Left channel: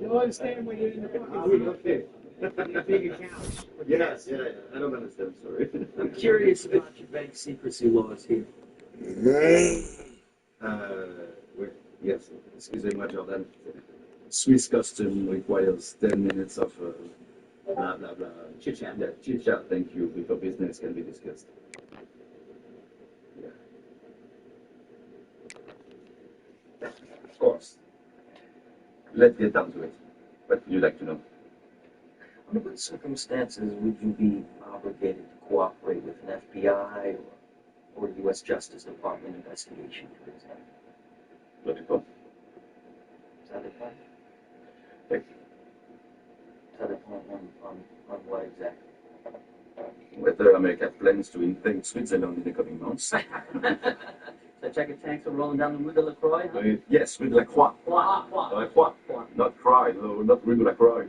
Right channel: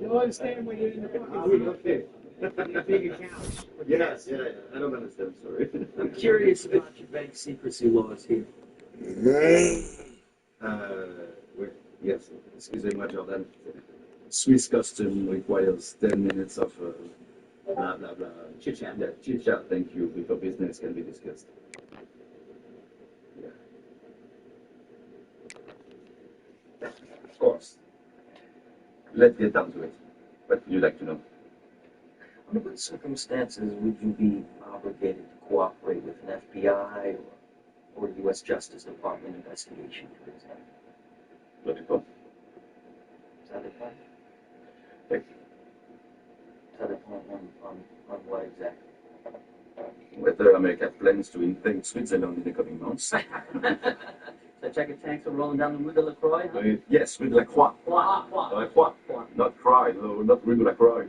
You'll understand when you're in the fucking okay. big accounts. Yes, yeah, I don't understand, sorry. I'm curious about your bank secrecy laws here. Yes, excusez-moi, Jordan. Swiss custom requires 10 minutes of blah, blah, blah. Chit-chat. Yeah, chit-chat, thank you, before business can be discussed. Yeah. Of course. Let's get down to it. What would you like to know? Under what circumstances would you be obligated to cooperate with an FBI or U.S. Justice Department investigation, for example? Logical. Ça dépend. Thank you. Ça dépend on what exactly? Whether America plans to invade Switzerland in the coming months. So checker tanks are rolling down the Rue de la Croix? Yes, Rue de la Croix. Croix. Not cry, no, not Rue de la Croix.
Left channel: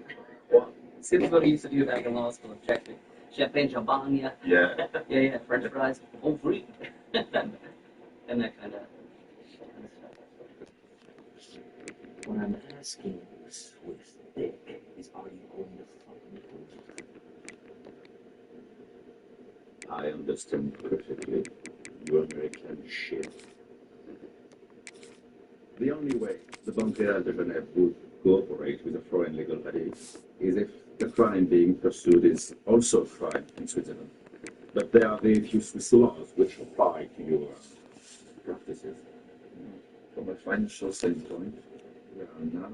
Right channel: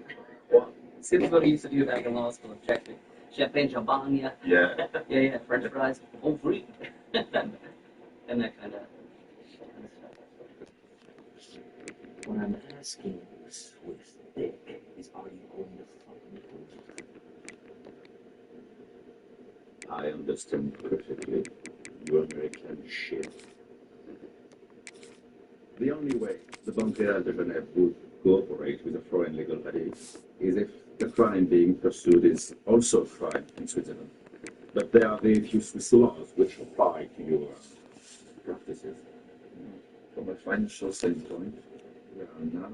Croix. Seems what we used to do back in law school, check it. Champagne, champagne. Yeah. Yeah, French fries, home free. And that kind of stuff. What I'm asking you, Swiss Dick, is are you going to fucking prove it? I understand perfectly, you American shit. The only way the Montreal de Genève would cooperate with a foreign legal body is if the crime being pursued is also a crime in Switzerland. But there are very few Swiss laws which apply to your practices. From a financial standpoint, we are now...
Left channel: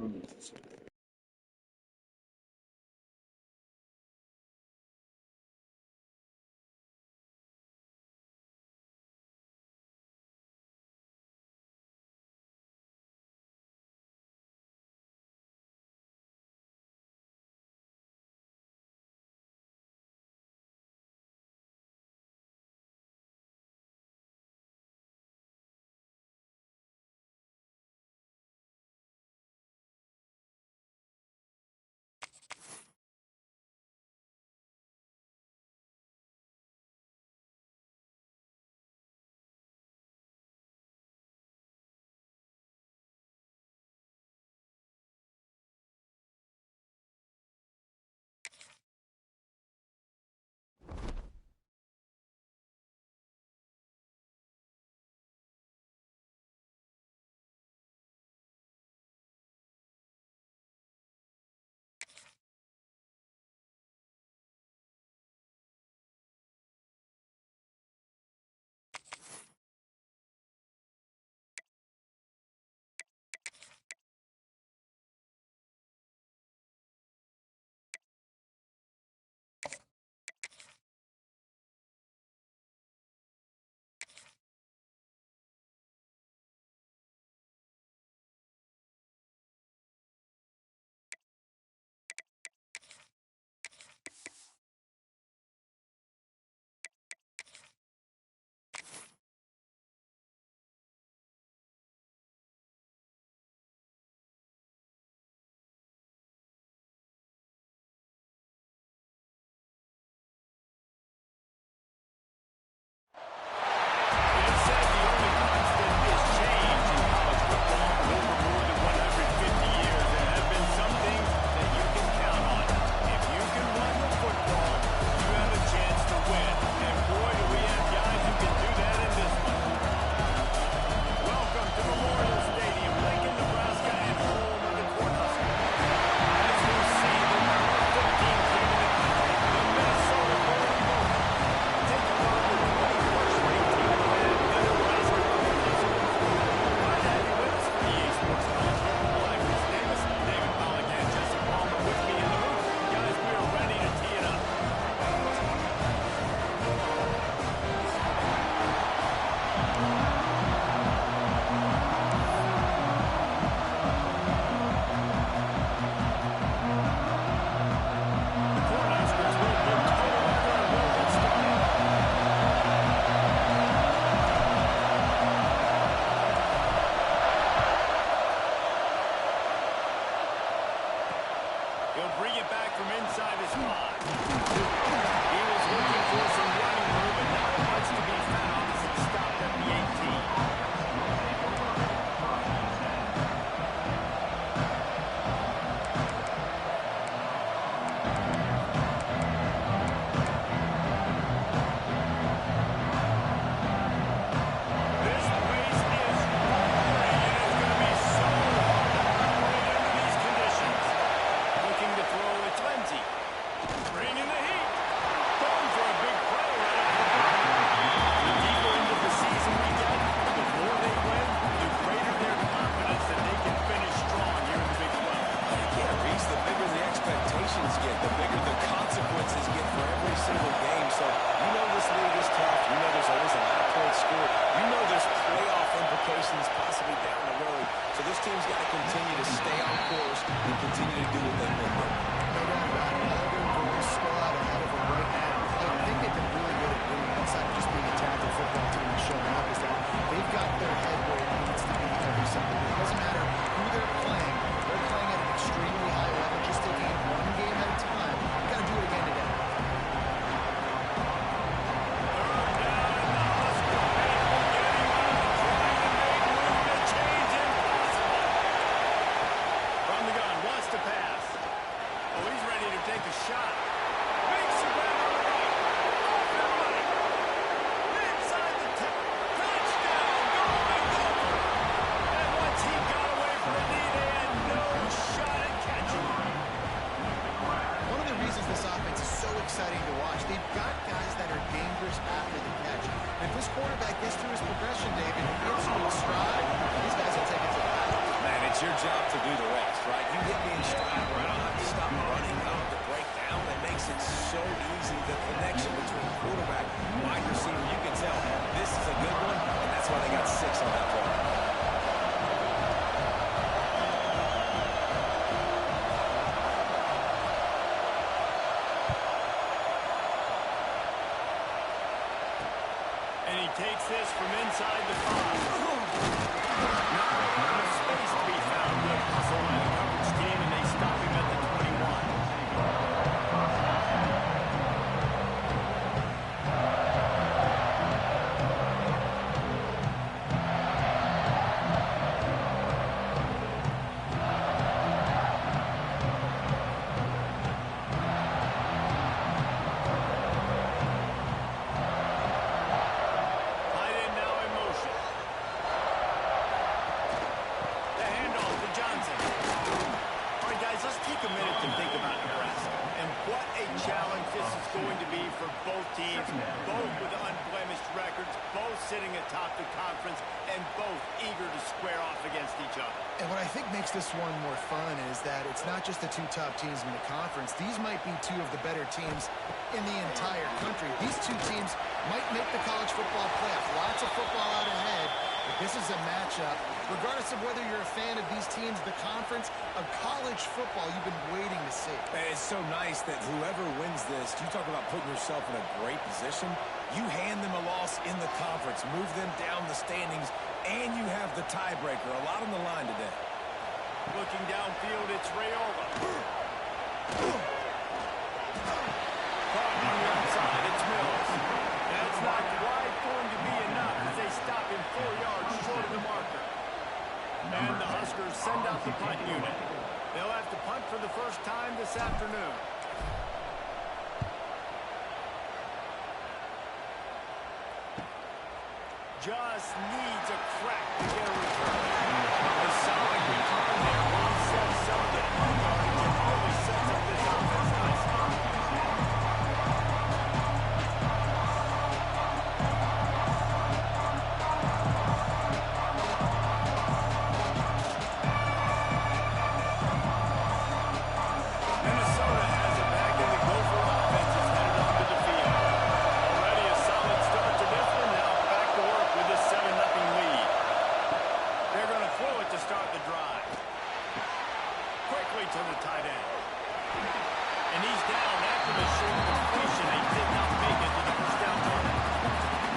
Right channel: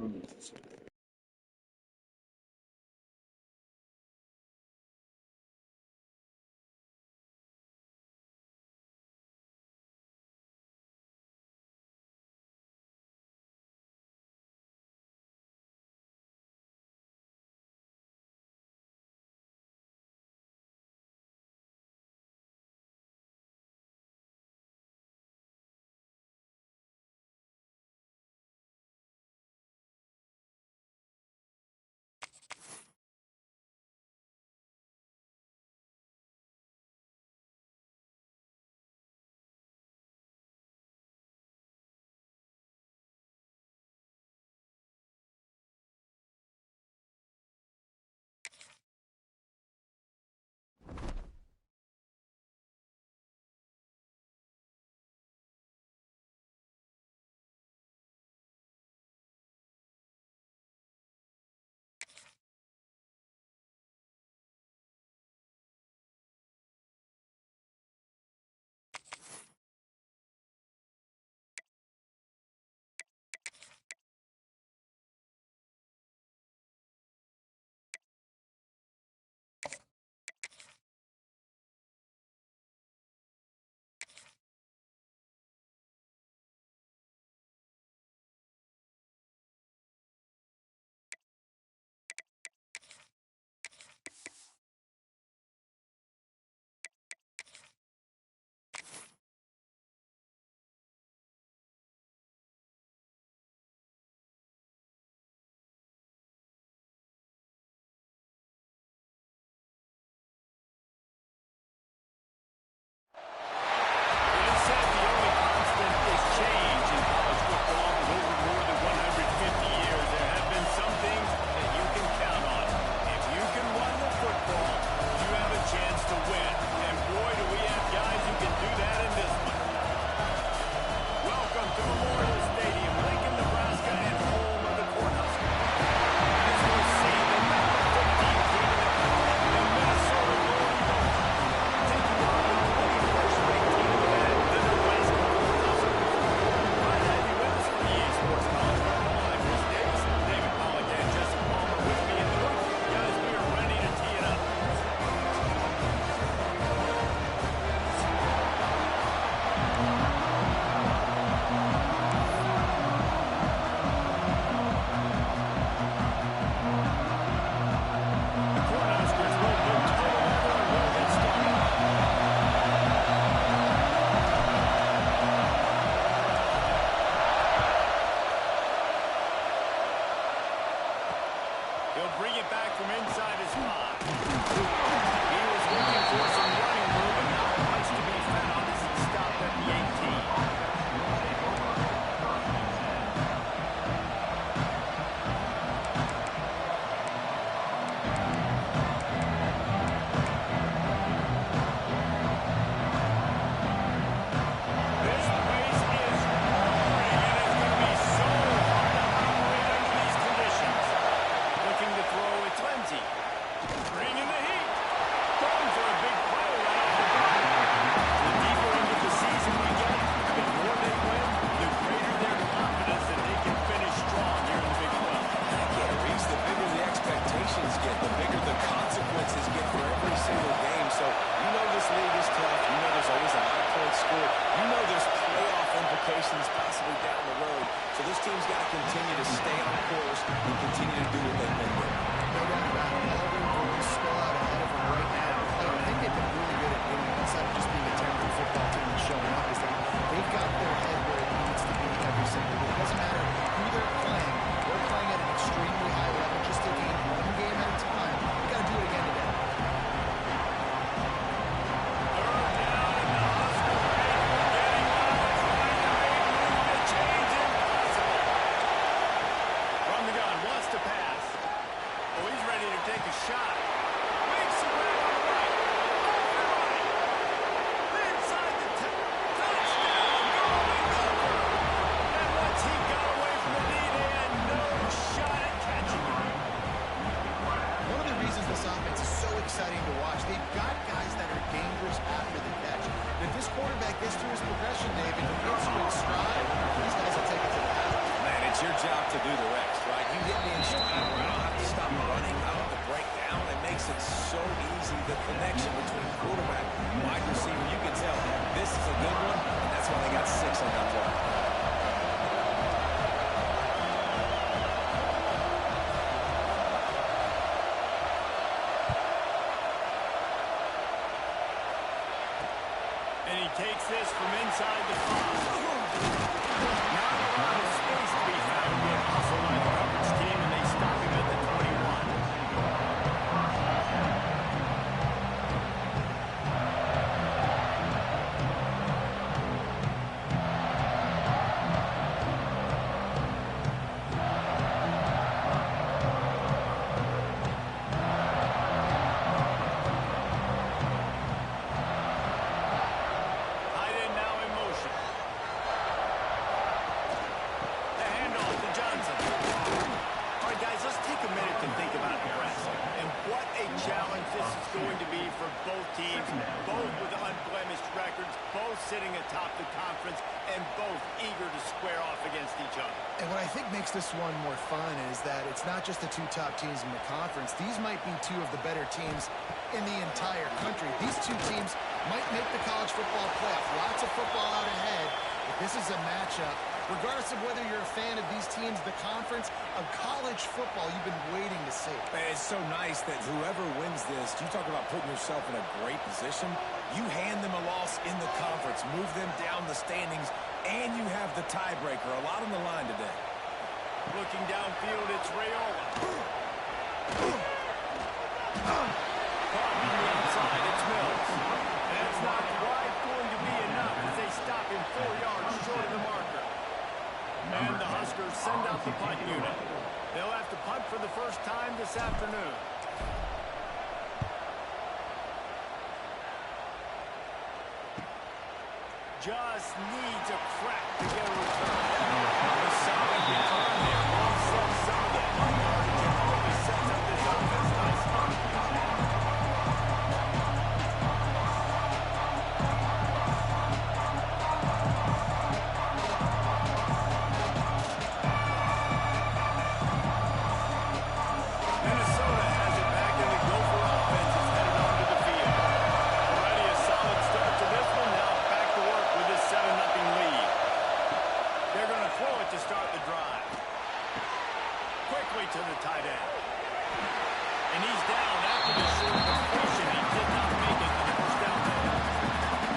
to Memorial Stadium, Lincoln, Nebraska, and home of the Cornhuskers. As we'll see, the number 15 team in the country, the Minnesota Golden Gophers, taking on the 21st ranked team in the land, the Nebraska Cornhuskers. Glad to have you with us for EA Sports College Football. I'm Chris Davis, David Pollack, and Jesse Palmer with me in the booth. Guys, we are ready to tee it up. He'll bring it back from inside his 5. He was looking for some running room, but not much to be found as he stopped at the 18. get, the bigger the consequences get for every single game. So you know this league is tough. You know there's always a lot of points scored. You know there's playoff implications possibly down the road. So this team's got to continue to stay on course and continue to do what they've been doing. No doubt about it. All their goals still out ahead of them right now. And I think they've been really good at doing it outside of just being a talented football team and showing up. Is that they've got their head where it needs to be every single week. It doesn't matter who they're playing. They're playing at an extremely high level, just taking it one game at a time. You got to do it again today. Third down, and the Husker faithful getting wild, trying to make move to change impossible. From the gun, wants to pass. Oh, he's ready to take a shot. Makes the grab on the right. Off and right. Inside the touchdown, Golden Gopher. And once he got away from the knee, they had no shot at catching him. One of the reasons this offense is so exciting to watch, they've got guys that are dangerous after the catch. And if this quarterback gets through his progression, David, and gets to his stride, these guys will take it to the house. Man, it's your job to do the rest, right? You get me in stride where I don't have to stop running, I don't have to break down. It makes it so easy, the connection between quarterback and wide receiver. You can tell this is a good one, and that's why they got 6 on that play. And he takes this from inside the 5. Not a lot of space to be found yet. Hustle by the coverage team, and they stop him at the 21. Tight end now in motion. The handoff to Johnson. All right, guys, let's take a minute to think about Nebraska and what a challenge this is going to be for both teams, both with unblemished records, both sitting atop the conference, and both eager to square off against each other. And what I think makes this one more fun is that it's not just the 2 top teams in the conference. These might be 2 of the better teams in the entire country. These 2 teams might make the college football playoff. Lots of football out ahead, but this is a matchup. Regardless of whether you're a fan of these teams, the conference of college football you've been waiting to see. Man, it's so nice that whoever wins this, you talk about putting yourself in a great position. You hand them a loss in the conference, move them down the standings, and you have the tiebreaker. A lot on the line today. Looking downfield, it's Raiola. Caught on the outside, it's Mills. That's not quite going to be enough as they stop him 4 yards short of the marker. And the Huskers send out the punt unit. They'll have to punt for the first time this afternoon. Just needs a crack to get a return. A solid return there offsets some of the punt yardage and really sets up this offense nicely. Minnesota has it back, and the Gopher offense is headed onto the field. Already a solid start to this one. Now back to work with this 7-0 lead. They're going to throw it to start the drive. Quickly to the tight end. And he's down after the short completion. He did not make it to the first down goal.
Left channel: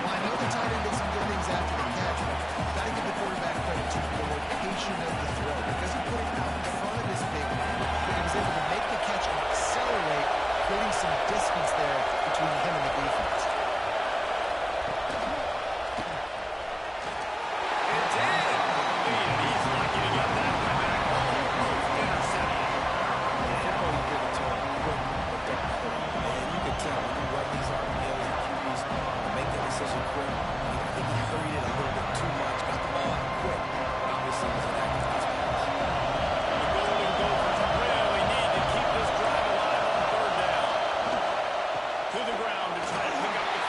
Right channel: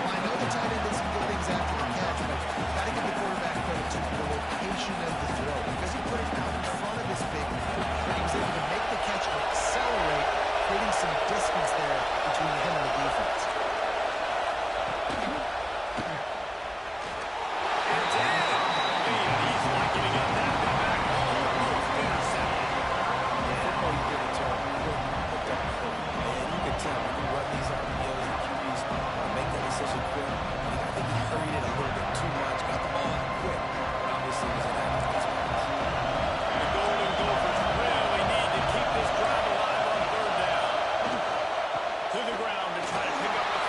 Well, I know the tight end did some good things after the catch, but you've got to give the quarterback credit to the location of the throw because he put it out in front of his big man. But he was able to make the catch and accelerate, creating some distance there between him and the defense. It's in! And he's lucky to get that one back. Almost intercepted. Football, you give it to him. And you can tell when you run these RPOs and QBs want to make that decision quick. I think he hurried it a little bit too much, got the ball out quick. But obviously, it was an accurate pass. The Golden Gophers really need to keep this drive alive on 3rd down. To the ground to try to pick up the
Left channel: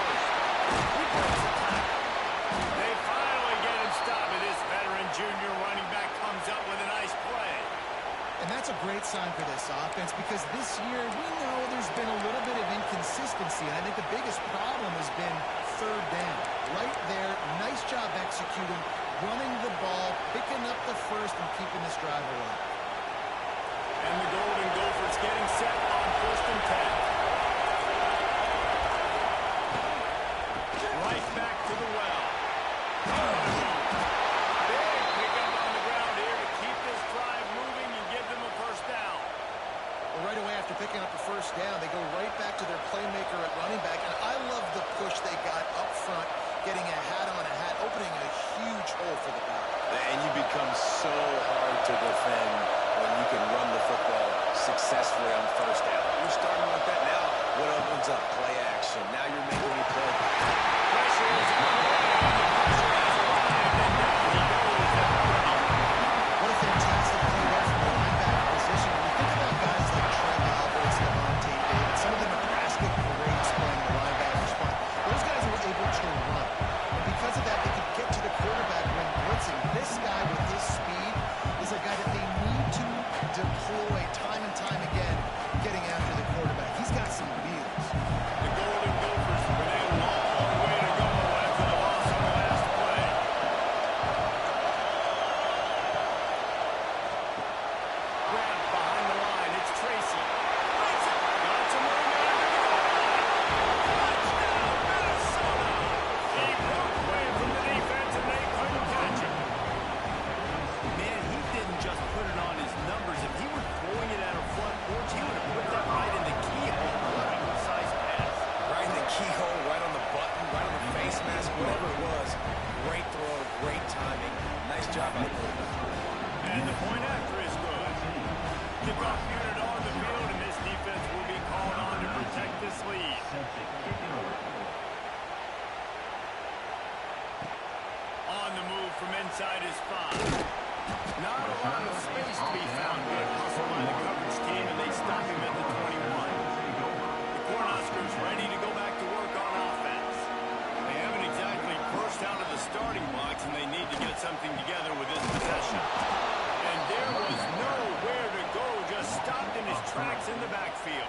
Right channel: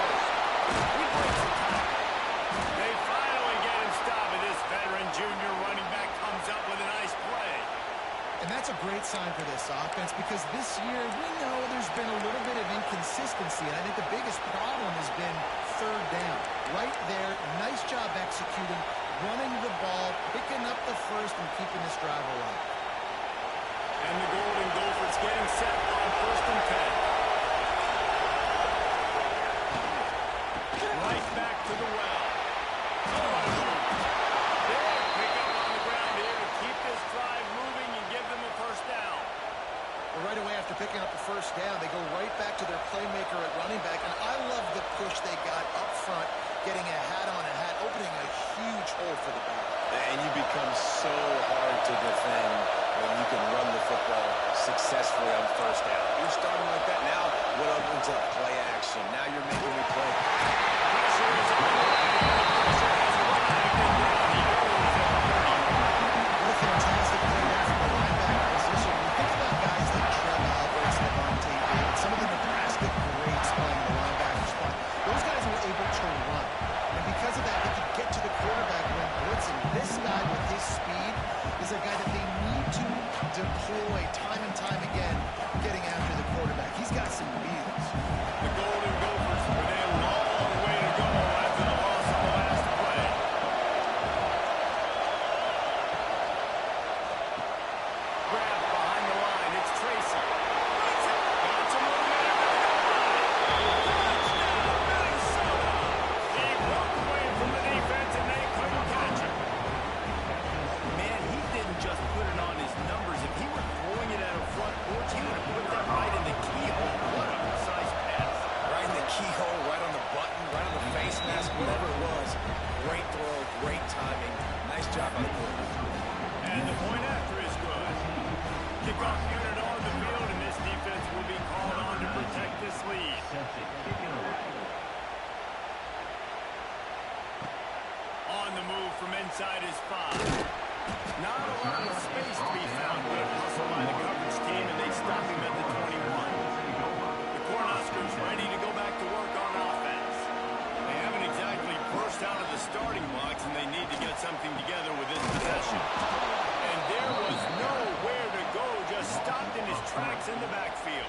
And that's a great sign for this offense because this year we know there's been a little bit of inconsistency, and I think the biggest problem has been third down. Right there, nice job executing, running the ball, picking up the first, and keeping this drive alive. And the Golden Gophers getting set on 1st and 10. Right back to the well. Oh, what a move. Big pickup on the ground here to keep this drive moving and give them a first down. Well, right away after picking up a first down, they go right back to their playmaker at running back. And I love the push they got up front, getting a hat on a hat, opening a huge hole for the back. And you become so hard to defend when you can run the football successfully on first down. You're starting like that now. What opens up? Play action. Now you're making me play. Pressure is on the way, and the pressure has arrived, and down he goes at the 30. What a fantastic play there from the linebacker position. When you think about guys like Trev Alberts, Levante David, some of the Nebraska greats playing the linebacker spot, those guys were able to run. And because of that, they could get to the quarterback when blitzing. This guy with his speed is a guy that they need to deploy time and time again, getting after the quarterback. He's got some wheels. The Golden Gophers with a long way to go after the loss on the last play. Grabbed behind the line. It's Tracy. Got some momentum at the goal line. Touchdown, Minnesota. He broke away from the defense, and they couldn't catch him. Man, he didn't just put it on his numbers. If he were throwing it at a front porch, he would have put that right in the keyhole. What a precise pass. Right in the keyhole, right on the button, right on the face mask, whatever it was. Great throw, great timing. Nice job by the quarterback. And the point after is good. Kickoff unit on the field, and this defense will be called on to protect this lead. On the move from inside his 5. Not a lot of space to be found. Good hustle by the coverage team, and they stop him at the 21. The Cornhuskers ready to go back to work on offense. They haven't exactly burst out of the starting blocks, and they need to get something together with this possession. And there was nowhere to go, just stopped in his tracks in the backfield.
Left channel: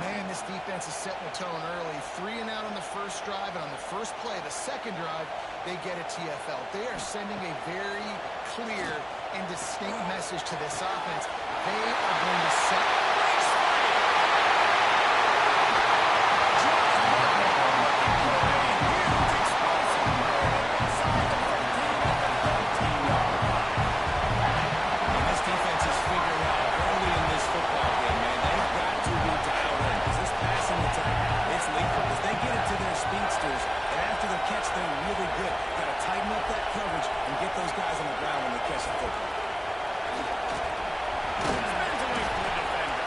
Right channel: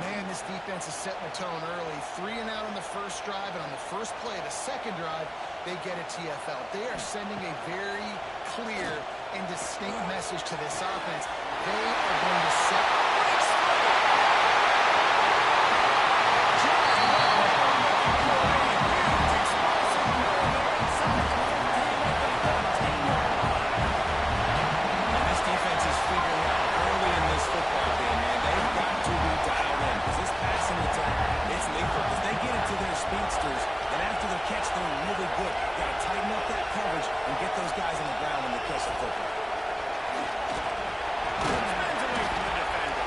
Man, this defense is setting the tone early. 3 and out on the first drive, and on the first play, the second drive, they get a TFL. They are sending a very clear and distinct message to this offense. They are going to set race free. Just what they were looking for, a huge explosive play there inside the 15 at the 13-yard line. And this defense is figuring out early in this football game, man, they've got to be dialed in because this passing attack, it's lethal because they get it to their speedsters, and after the catch, they're really good. Got to tighten up that coverage and get those guys on the ground when they catch the football. Spins away from the defender.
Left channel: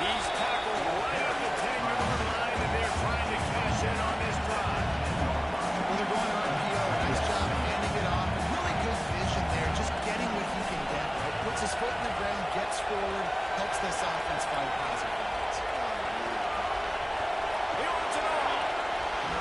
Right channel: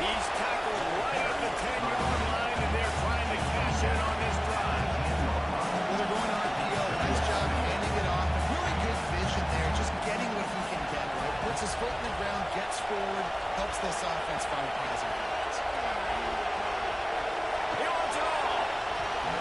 He's tackled right at the 10-yard line, and they're trying to cash in on this drive. Well, they're going RPO. Nice job handing it off, and really good vision there, just getting what he can get, right? Puts his foot in the ground, gets forward, helps this offense find positive points. He wants it all.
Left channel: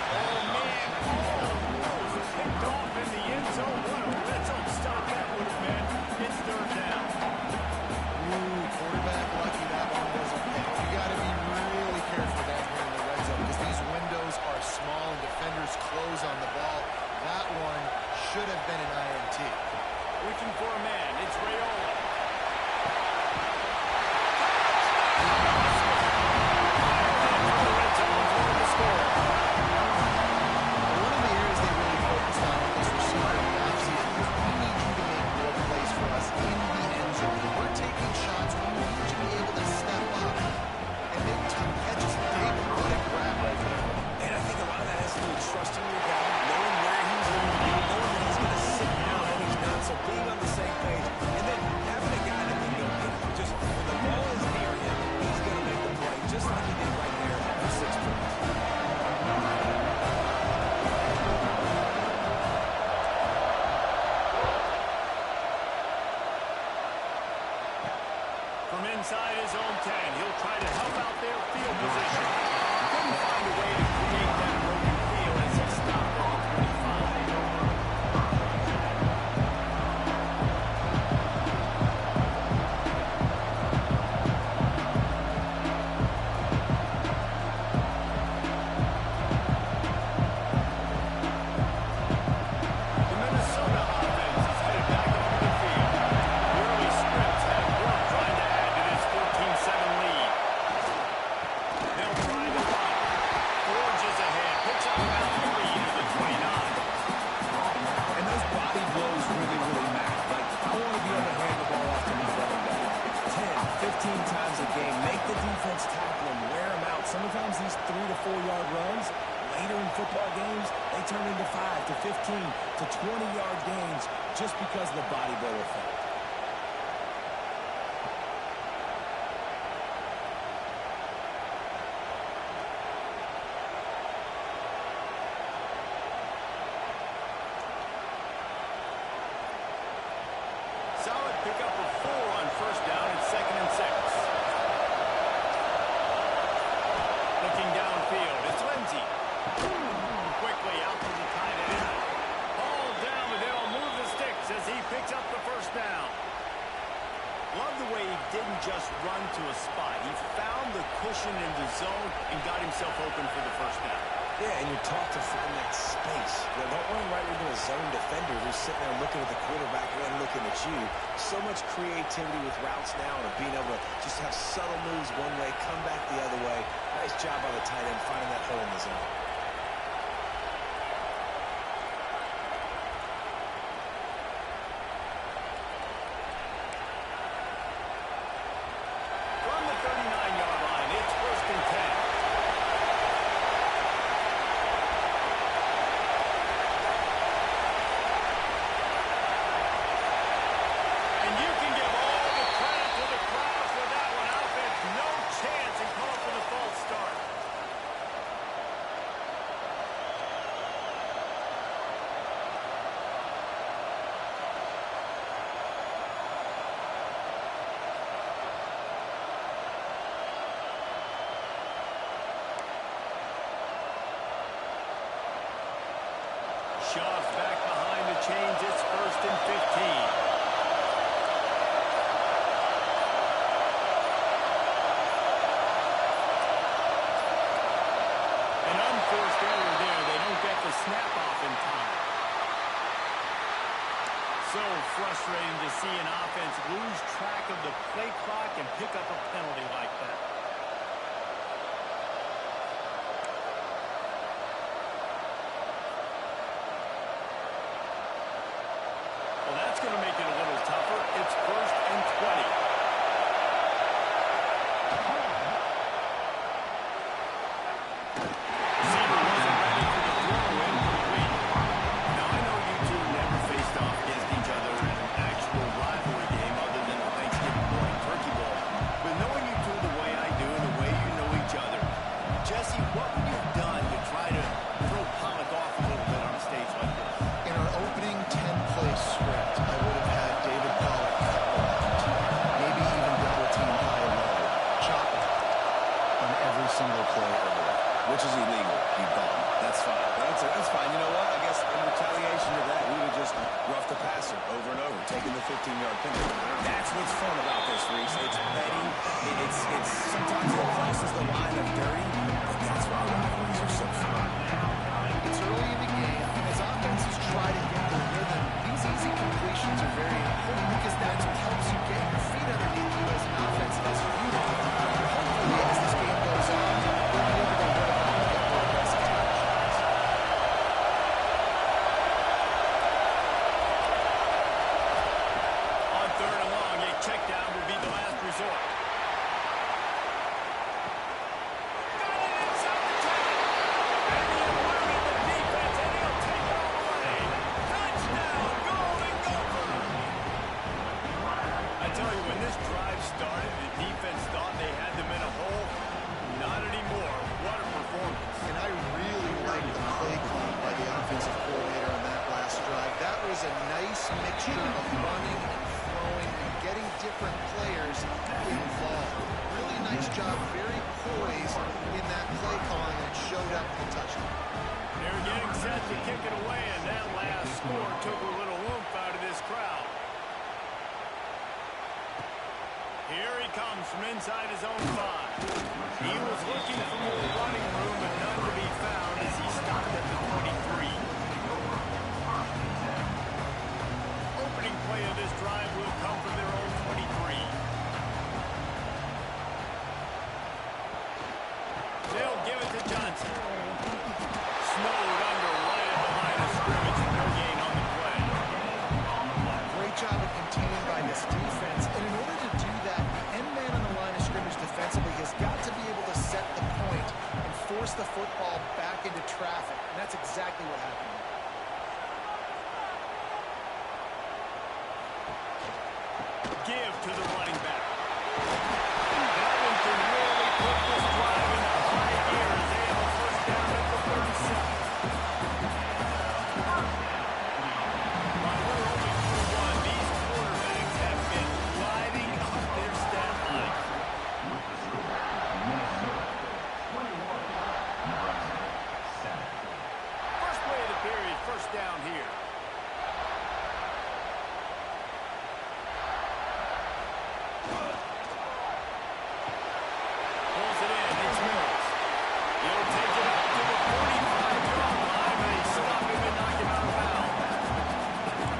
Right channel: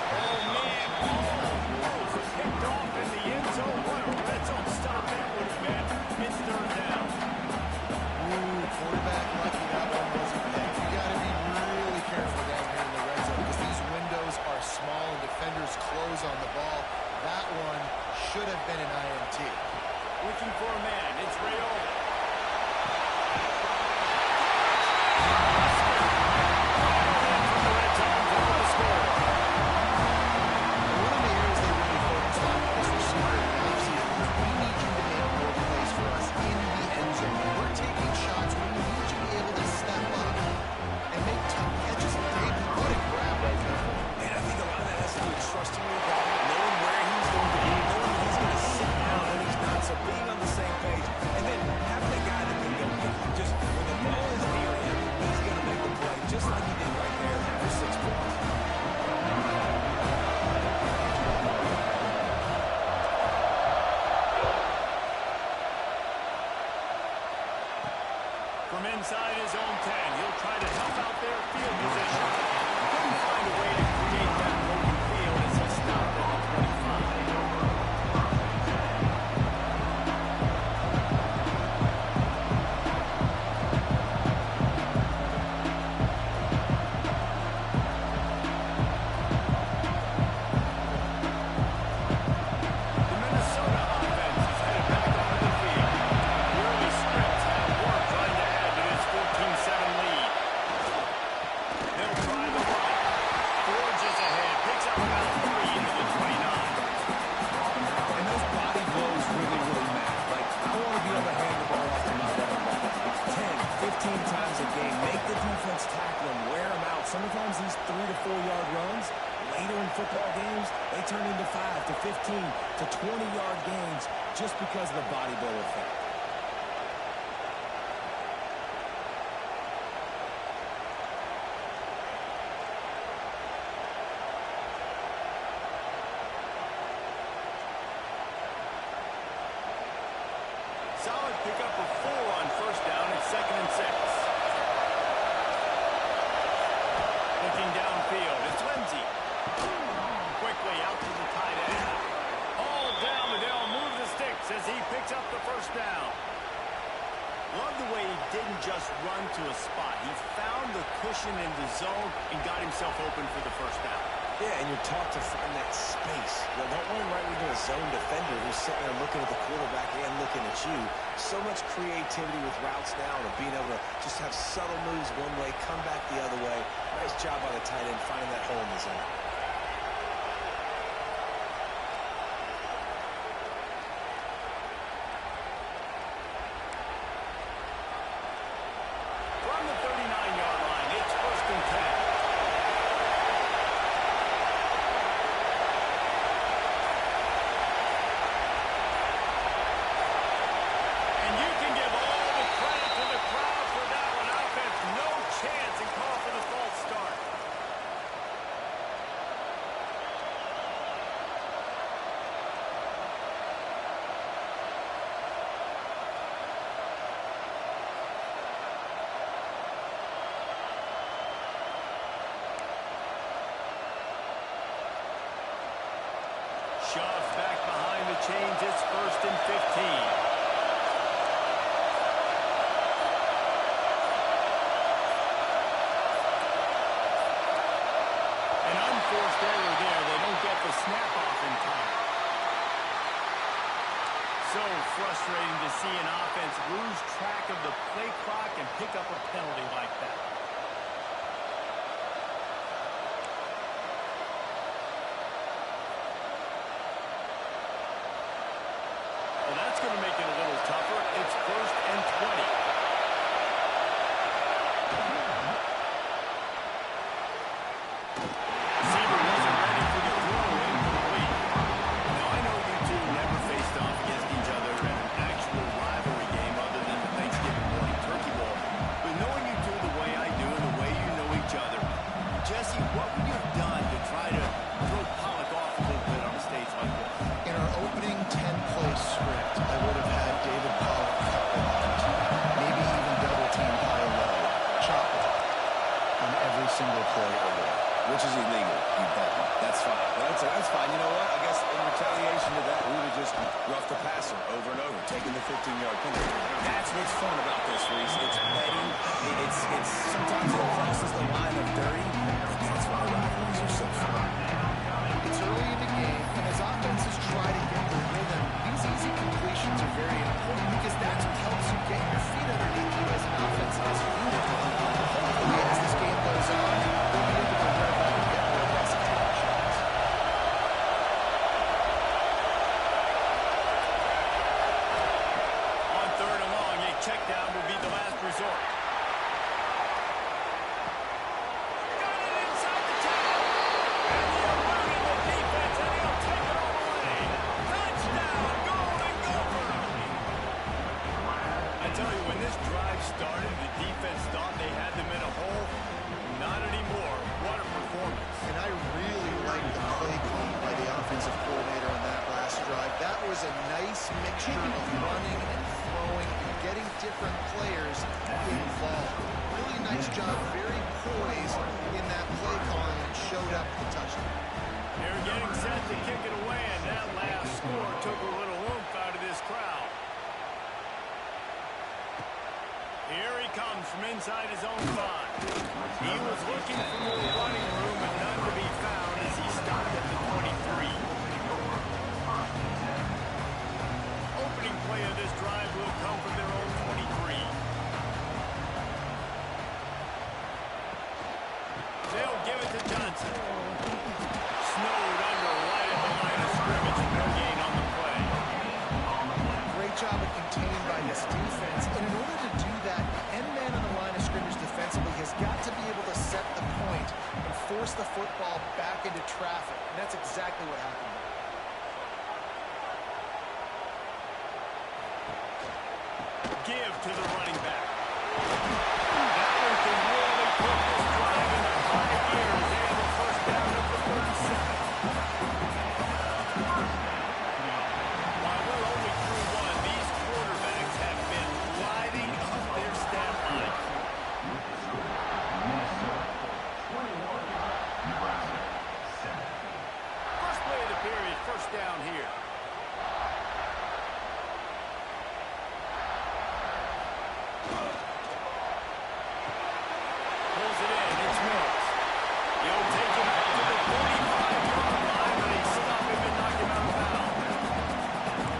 Oh, man. Almost picked off in the end zone. What a red zone stop that would have been. It's 3rd down. Ooh, quarterback lucky that one wasn't picked. You got to be really careful down here in the red zone because these windows are small and defenders close on the ball. That one should have been an INT. Looking for a man. It's Raiola. One of the areas they really focused on with this receiver in the offseason was we need you to make more plays for us in the end zone. When we're taking shots, we need you to be able to step up and make tough catches. David, what a grab right there. And I think a lot of that has to do with trusting your guy, knowing where he's going to be, knowing that he's going to sit down and he's not, so being on the same page, and then having a guy that can go get just when the ball is near him, he's going to make the play, just like he did right there for 6 points. From inside his own 10, he'll try to help out their field position. Couldn't find a way to create that broken field as he stopped at the 25. times a game. Make the defense tackle them, wear them out. Sometimes these 3 to 4 yard runs, later in football games, they turn into 5 to 15 to 20-yard gains just because of the body blow effect. Solid pickup of 4 on first down at 2nd and 6. Looking downfield, it's Lindsey. Quickly out to the tight end. Hauled down, but they'll move the sticks as he picks up the first down. Love the way he didn't just run to a spot. He found the cushion in the zone and got himself open for the first down. Yeah, and you're taught to find that space. Don't run right into a zone defender who's sitting there looking at the quarterback and looking at you. So much creativity with routes now and being able to just have subtle moves one way, come back the other way. Nice job by the tight end finding that hole in the zone. From the 39-yard line, it's 1st and 10. You can give all the credit to the crowd for that one. Offense, no chance, and call for the false start. Shoves back behind the chains. It's 1st and 15. Forced error there. They don't get the snap off in time. So frustrating to see an offense lose track of the play clock and pick up a penalty like that. Well, that's going to make it a little tougher. It's 1st and 20. Jesse, what would you have done to try to throw Pollock off a little bit on a stage like this? In our opening 10-play script, I would have had David Pollock cut blocked, maybe even double-team high-low, chop block on every single play early. Which is illegal, you bum. That's fine. That's fine. You know what? I guess in retaliation to that, we would have just roughed the passer over and over, taking the 15-yard penalty. That's what's fun about this, Reese. It's petty. It's sometimes it crosses the line of dirty, but that's why rivalries are so fun. It's early in the game, and as offenses try to get their rhythm, these easy completions are very important because that's what helps you get your feet underneath you as an offense and as a unit. Hopefully, as this game goes on, we'll be able to rev up and get more aggressive tackle shots. On 3rd and long, a check down will be the last resort. Got it inside the 10. And he eluded the defense, and he'll take it all the way. Touchdown, Golden Gophers! I tell you, when this drive started, the defense thought they had them in a hole. Not anymore. What a performance. And I really like the play call by the offensive coordinator on that last drive. That was a nice mixture of running and throwing and getting different players involved. Really nice job, very poised in that play calling, and it showed up with the touchdown. They're getting set to kick it away, and that last score took a little oomph out of this crowd. Here he comes from inside his own 5. He was looking for more running room, but none to be found as he stopped at the 23. Opening play of this drive will come from their own 23. They'll give it to Johnson. Snowed under right at the line of scrimmage. No gain on the play. Great job of contained by this defense. And in order to do that, the end man on the force the football back into traffic, and that's exactly what happened there. Give to the running back. That one can really put this drive into high gear as they have a first down at the 37. While we're only through one, these quarterbacks have been lighting up their stat line. Nebraska, 7. First play of the period, first down here. Pulls it in. It's Mills. He'll take it up to the 45-yard line, but they stop him and knock him out of bounds.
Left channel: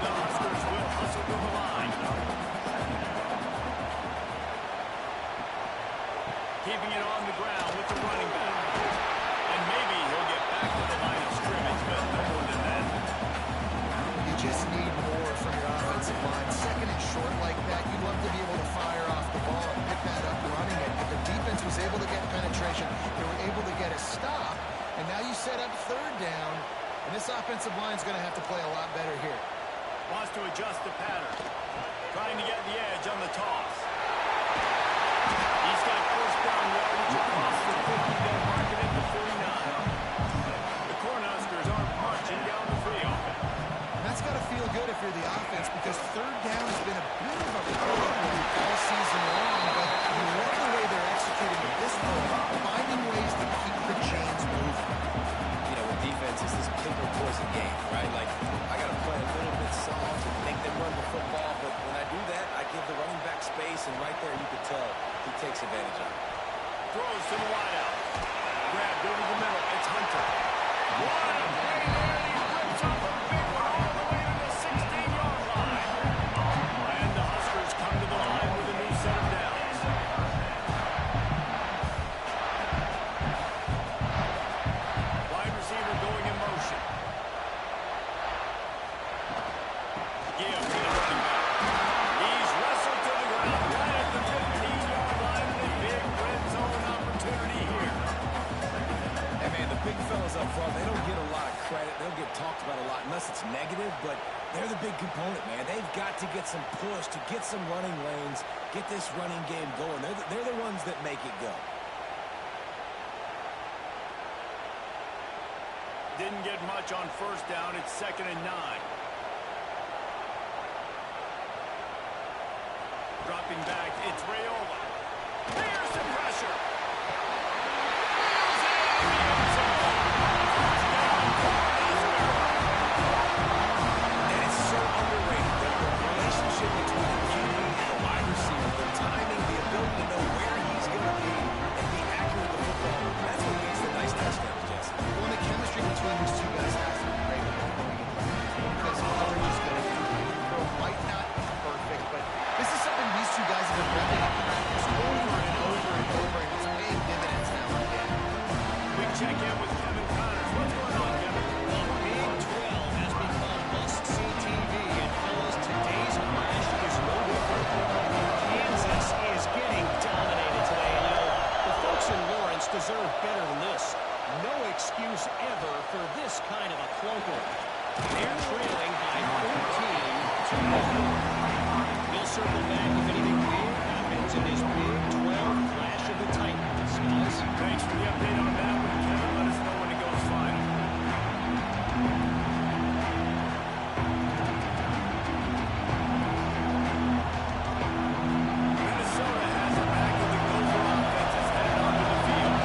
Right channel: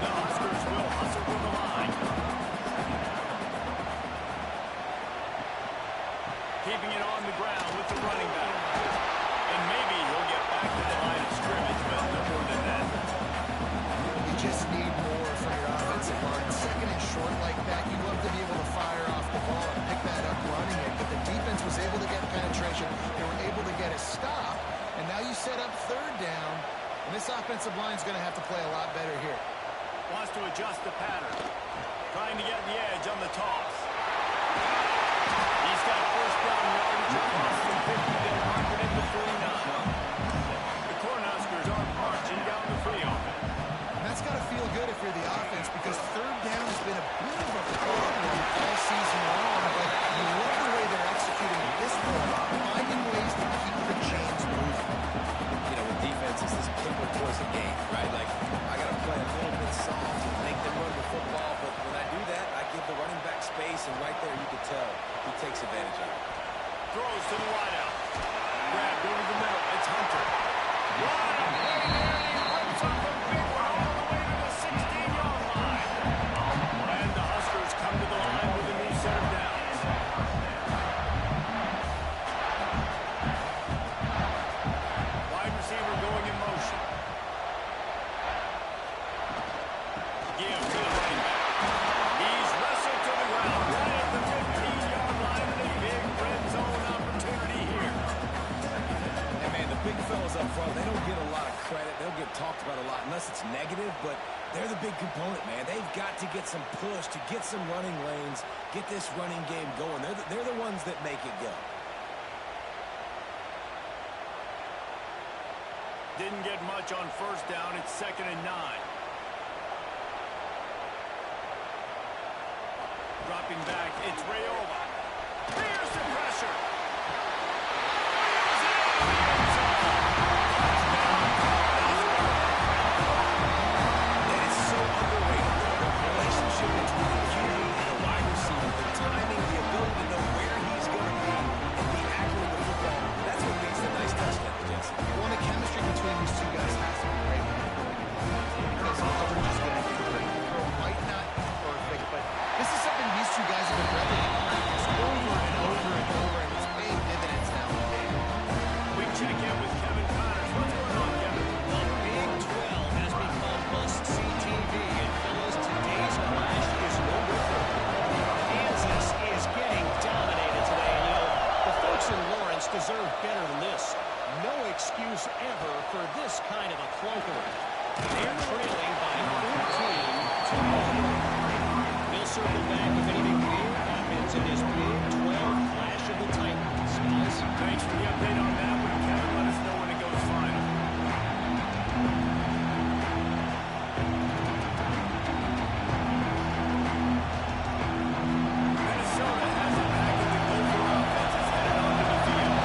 The Huskers will hustle to the line. Keeping it on the ground with the running back. And maybe he'll get back to the line of scrimmage, but no more than that. You just need more from your offensive line. Second and short like that, you'd love to be able to fire off the ball and pick that up running it. But the defense was able to get penetration. They were able to get a stop. And now you set up third down. And this offensive line is going to have to play a lot better here. Wants to adjust the pattern. Trying to get the edge on the toss. He's got first down yardage across the 50. They'll mark it at the 49. The Cornhuskers are marching down the field. And that's got to feel good if you're the offense, because third down has been a bit of a problem all season long, but you love the way they're executing at this point, finding ways to keep the chains moving. You know, with defense, it's this pick or poison game, right? Like, I got to play a little bit soft and make them run the football, but when I do that, I give the running back space, and right there you can tell he takes advantage of it. Throws to the wideout. Grabbed over the middle. It's Hunter. What a play there. He rips off a big one all the way to the 16-yard line. And the Huskers come to the line with a new set of downs. Wide receiver going in motion. Give to the running back. He's wrestled to the ground right at the 15-yard line, and a big red zone opportunity here. And, man, the big fellas up front, they don't get a lot of credit. They'll get talked about a lot unless it's negative, but they're the big component, man. They've got to get some push, to get some running lanes, get this running game going. They're the ones that make it go. Didn't get much on first down. It's 2nd and 9. Dropping back, it's Raiola. Here's the pressure. Wheels it in the end zone. Touchdown, Cornhuskers. And it's so underrated. The relationship between the QB and the wide receiver, the timing, the ability to know where he's going to be and be accurate with the football, that's what makes the nice touchdowns, Jesse. Well, the chemistry between these two guys has to be great when they're going into the game, because coverage is going to be great. The throw might not be perfect, but this is something these two guys have been repping in practice over and over and over, and it's paying dividends now in the game. We check in with Kevin Connors. What's going on, Kevin? The Big 12 has become must-see TV, and fellas, today's clash is no different. Kansas is getting dominated today, and you know, the folks in Lawrence deserve better than this. No excuse ever for this kind of a clunker. They're trailing by 14-0. We'll circle back if anything big happens in this Big 12 clash of the Titans. Guys, Thanks for the update on that one, Kevin. Let us know when it goes final. Minnesota has it back, and the Gopher offense is headed onto the field.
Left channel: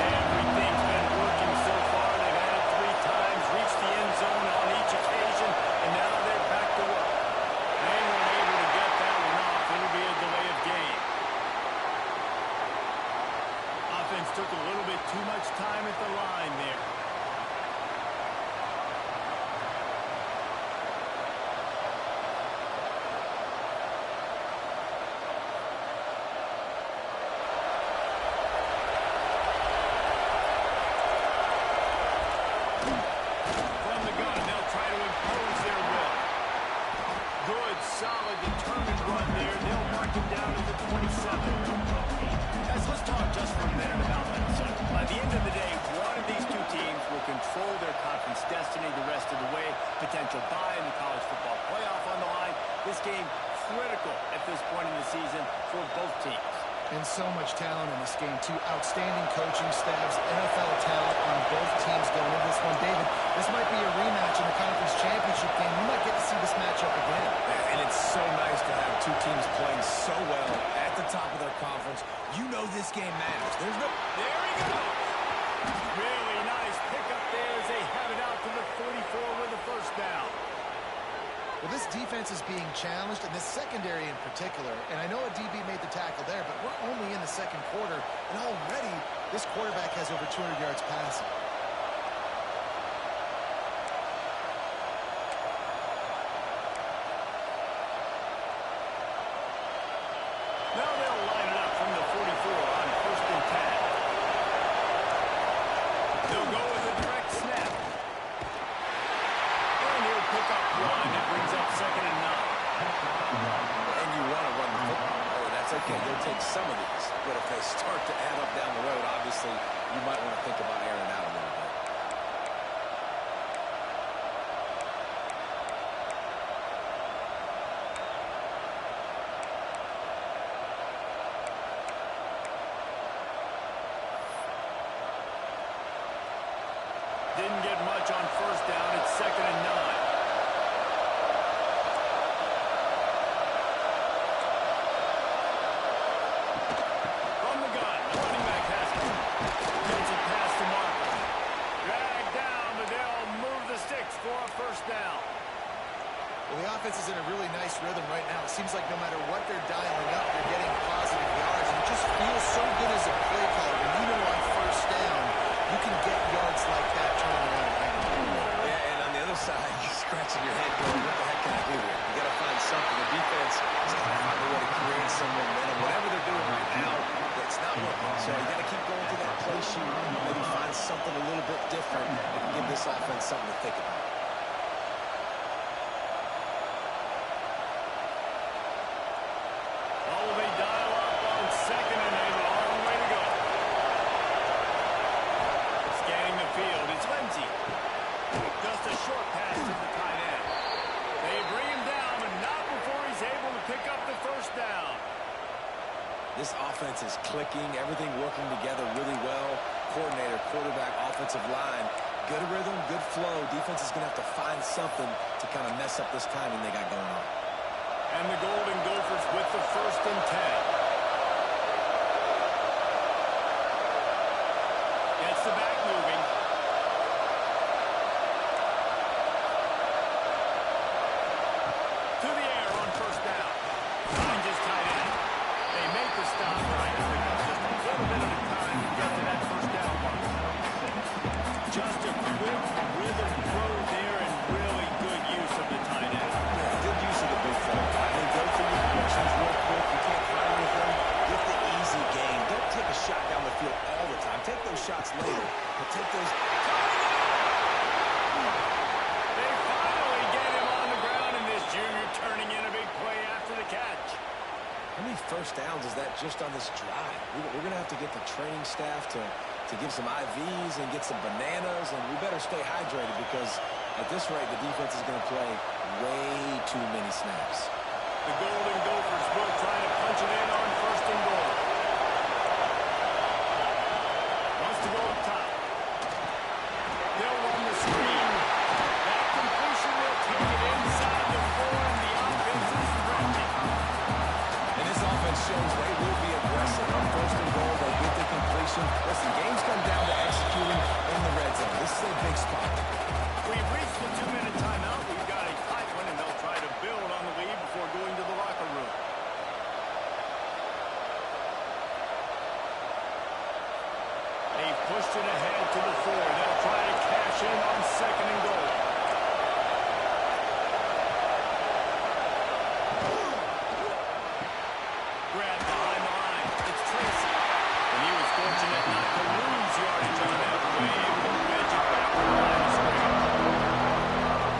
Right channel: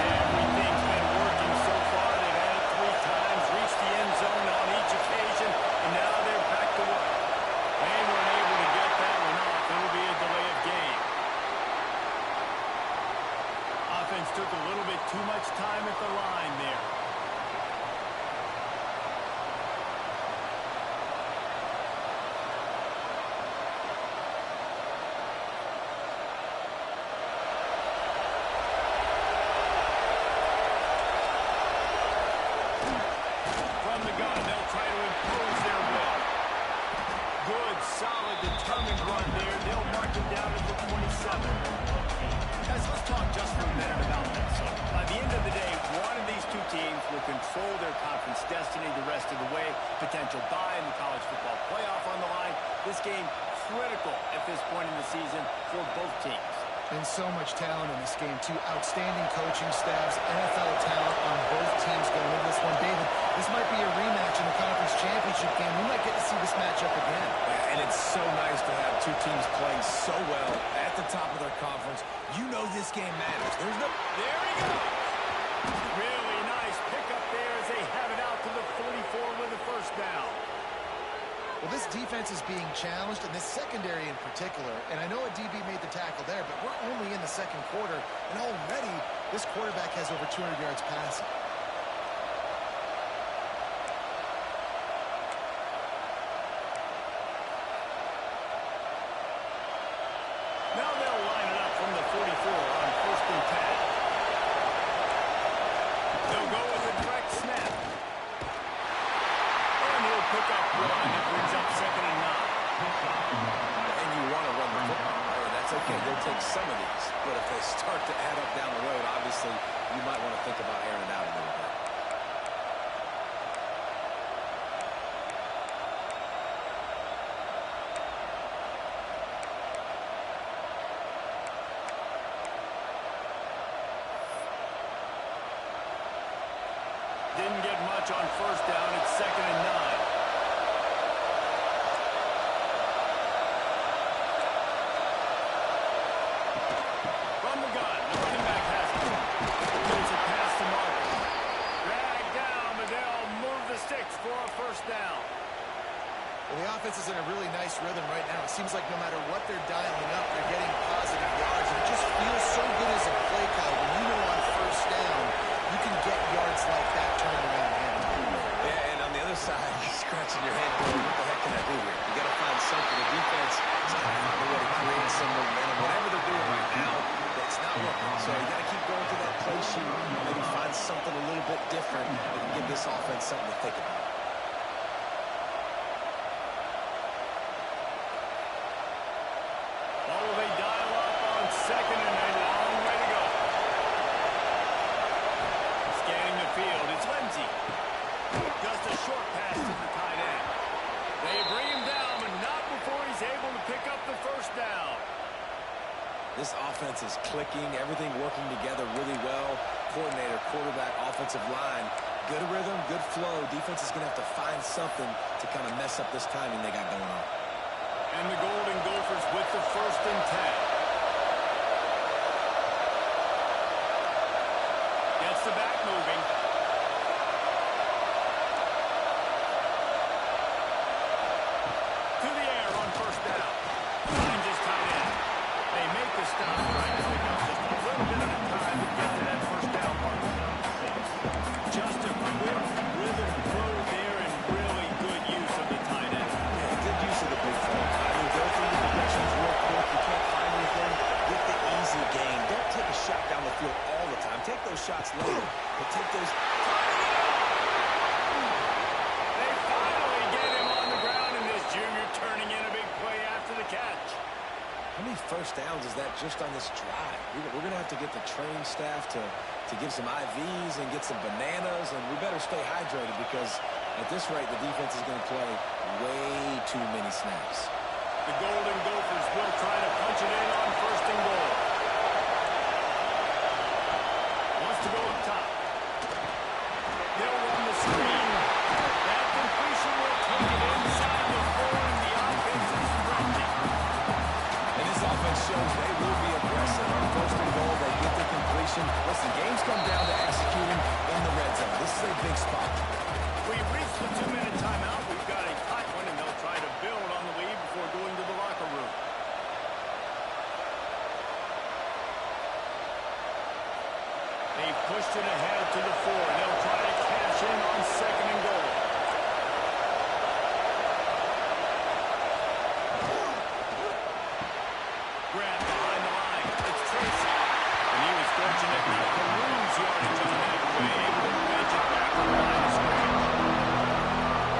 Everything's been working so far. They've had it 3 times, reached the end zone on each occasion, and now they're back to work. They weren't able to get that one off. It'll be a delay of game. Offense took a little bit too much time at the line there. From the gun, they'll try to impose their will. Good, solid, determined run there. They'll mark him down at the 27. Guys, let's talk just for a minute about Minnesota. By the end of the day, one of these two teams will control their conference destiny the rest of the way. Potential bye in the college football playoff on the line. This game critical at this point in the season for both teams. And so much talent in this game, too. Outstanding coaching staffs, NFL talent on both teams going into this one. David, this might be a rematch in the conference championship game. We might get to see this matchup again. And it's so nice to have two teams playing so well at the top of their conference. You know this game matters. There he goes. Really nice pickup there as they have it out to the 44 with a first down. Well, this defense is being challenged, and this secondary in particular. And I know a DB made the tackle there, but we're only in the second quarter, and already this quarterback has over 200 yards passing. Now they'll line it up from the 44 on 1st and 10. They'll go with a direct snap. And he'll pick up one. It brings up 2nd and 9. And you want to run the football, right? That's okay. They'll take some of these. But if they start to add up down the road, obviously, you might want to think about airing it out a little bit. Didn't get much on 1st down. It's 2nd and 9. From the gun, the running back has it. Gets a pass to Marcus. Dragged down, but they'll move the sticks for a 1st down. Well, the offense is in a really nice rhythm right now. It seems like no matter what they're dialing up, they're getting positive yards. And it just feels so good as a play caller when you know on 1st down, you can get yards like that turning around and handing it. Yeah, and on the other side, you're scratching your head going, what the heck can I do here? You got to find something. The defense is got to find a way to create some momentum. Whatever they're doing right now, it's not working. So you got to keep going through that play sheet, maybe find something a little bit different that can give this offense something to think about. Oh, they dial up on 2nd and a long way to go. Scanning the field, it's Lindsey. Just a short pass to the tight end. They bring him down, but not before he's able to pick up the 1st down. This offense is clicking, everything working together really well. Coordinator, quarterback, offensive line, good rhythm, good flow. Defense is going to have to find something to kind of mess up this timing they got going on. And the Golden Gophers with the 1st and 10. Gets the back moving. To the air on 1st down. Finds his tight end. They make the stop, trying to pick up just a little bit at a time to get to that 1st down mark. Just a quick rhythm throw there and really good use of the tight end. Yeah, good use of the big fella. I mean, go through your progressions real quick. You can't find anything. Get the easy gain. Don't take a shot down the field all the time. Take those shots later, but take those. They finally get him on the ground, and this junior turning in a big play after the catch. How many 1st downs is that just on this drive? We're going to have to get the training staff to give some IVs and get some bananas, and we better stay hydrated because at this rate, the defense is going to play way too many snaps. The Golden Gophers will try to punch it in on 1st and goal. Wants to go up top. They'll run the screen. That completion will take it inside the 4, and the offense is threatening. And this offense shows they will be aggressive. On 1st and goal, they get the completion. Listen, games come down to executing in the red zone. This is a big spot. We've reached the 2-minute timeout. We've got a tight one, and they'll try to build on the lead before going to the locker room. They've pushed it ahead to the 4. They'll try to cash in on 2nd and goal. Grab behind the line. It's Tracy. And he was fortunate not to lose yardage on that play. Able to wedge it back to the line of scrimmage.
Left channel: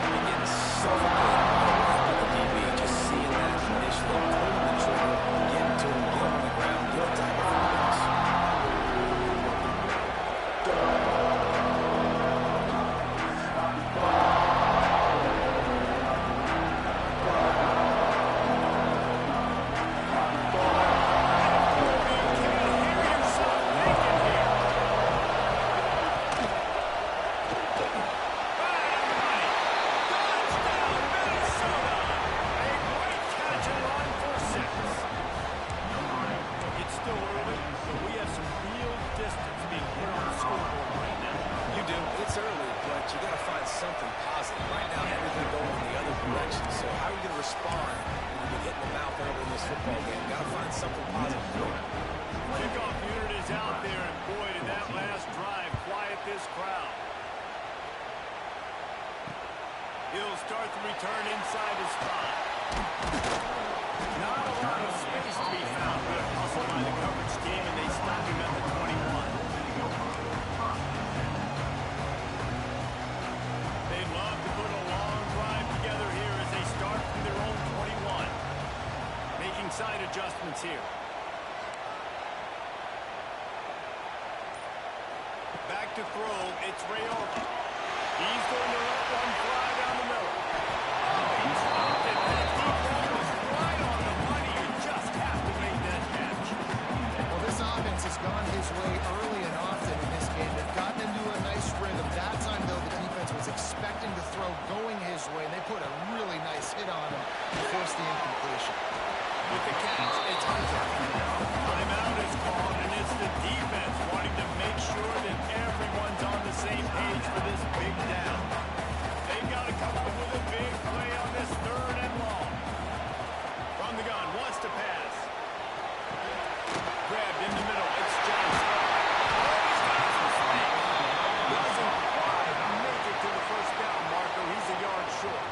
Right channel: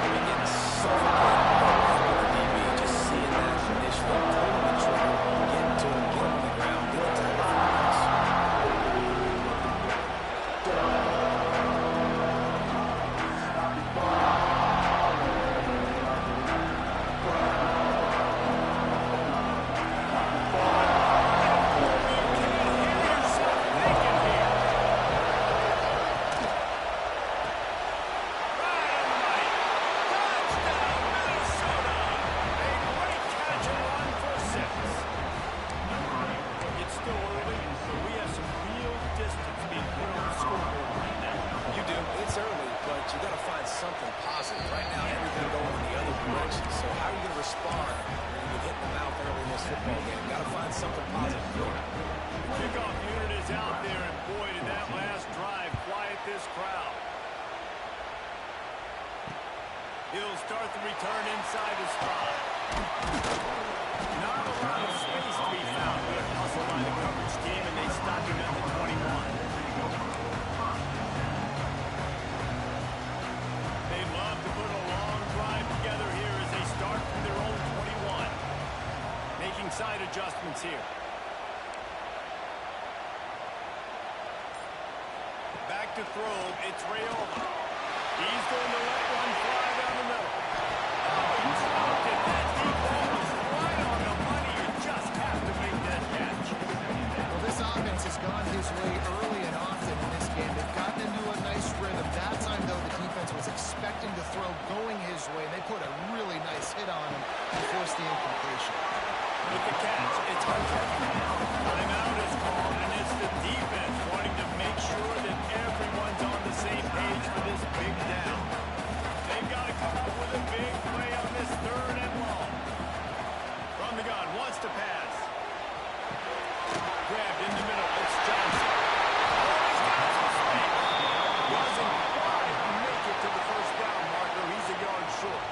They're getting suffocated by the DB. Just seeing that initially, pulling the trigger, getting to him, get him on the ground, get the tackle for the pass. still early, but we have some real distance being put on the scoreboard right now. You do. It's early, but you got to find something positive. Right now, everything going in the other direction. So how are you going to respond when you get hit in the mouth early in this football game? Got to find something positive. Kickoff unit is out there, and boy, did that last drive quiet this crowd. He'll start the return inside his spot. Not a lot of space to be found. Good hustle by the coverage team, and they stop him at the 21. They love to put a long drive together here as they start from their own 21. Making side adjustments here. Back to throw, it's Raiola. He's going to let one fly down the middle. Oh, he dropped it. That deep ball was right on the money. You just have to make that catch. Well, this offense has gone his way early and often in this game. They've gotten into a nice rhythm. That time, though, the defense was expecting to throw going his way, and they put a really nice hit on him to force the incompletion. With the catch, it's Hunter. Timeout is called, and it's the defense wanting to make sure that everyone's on the same page for this big down. They've got to come up with a big play on this 3rd and long. From the gun, wants to pass. Grabbed in the middle, it's Johnson. Oh, he's got some space. Doesn't quite make it to the first down marker. He's a yard short.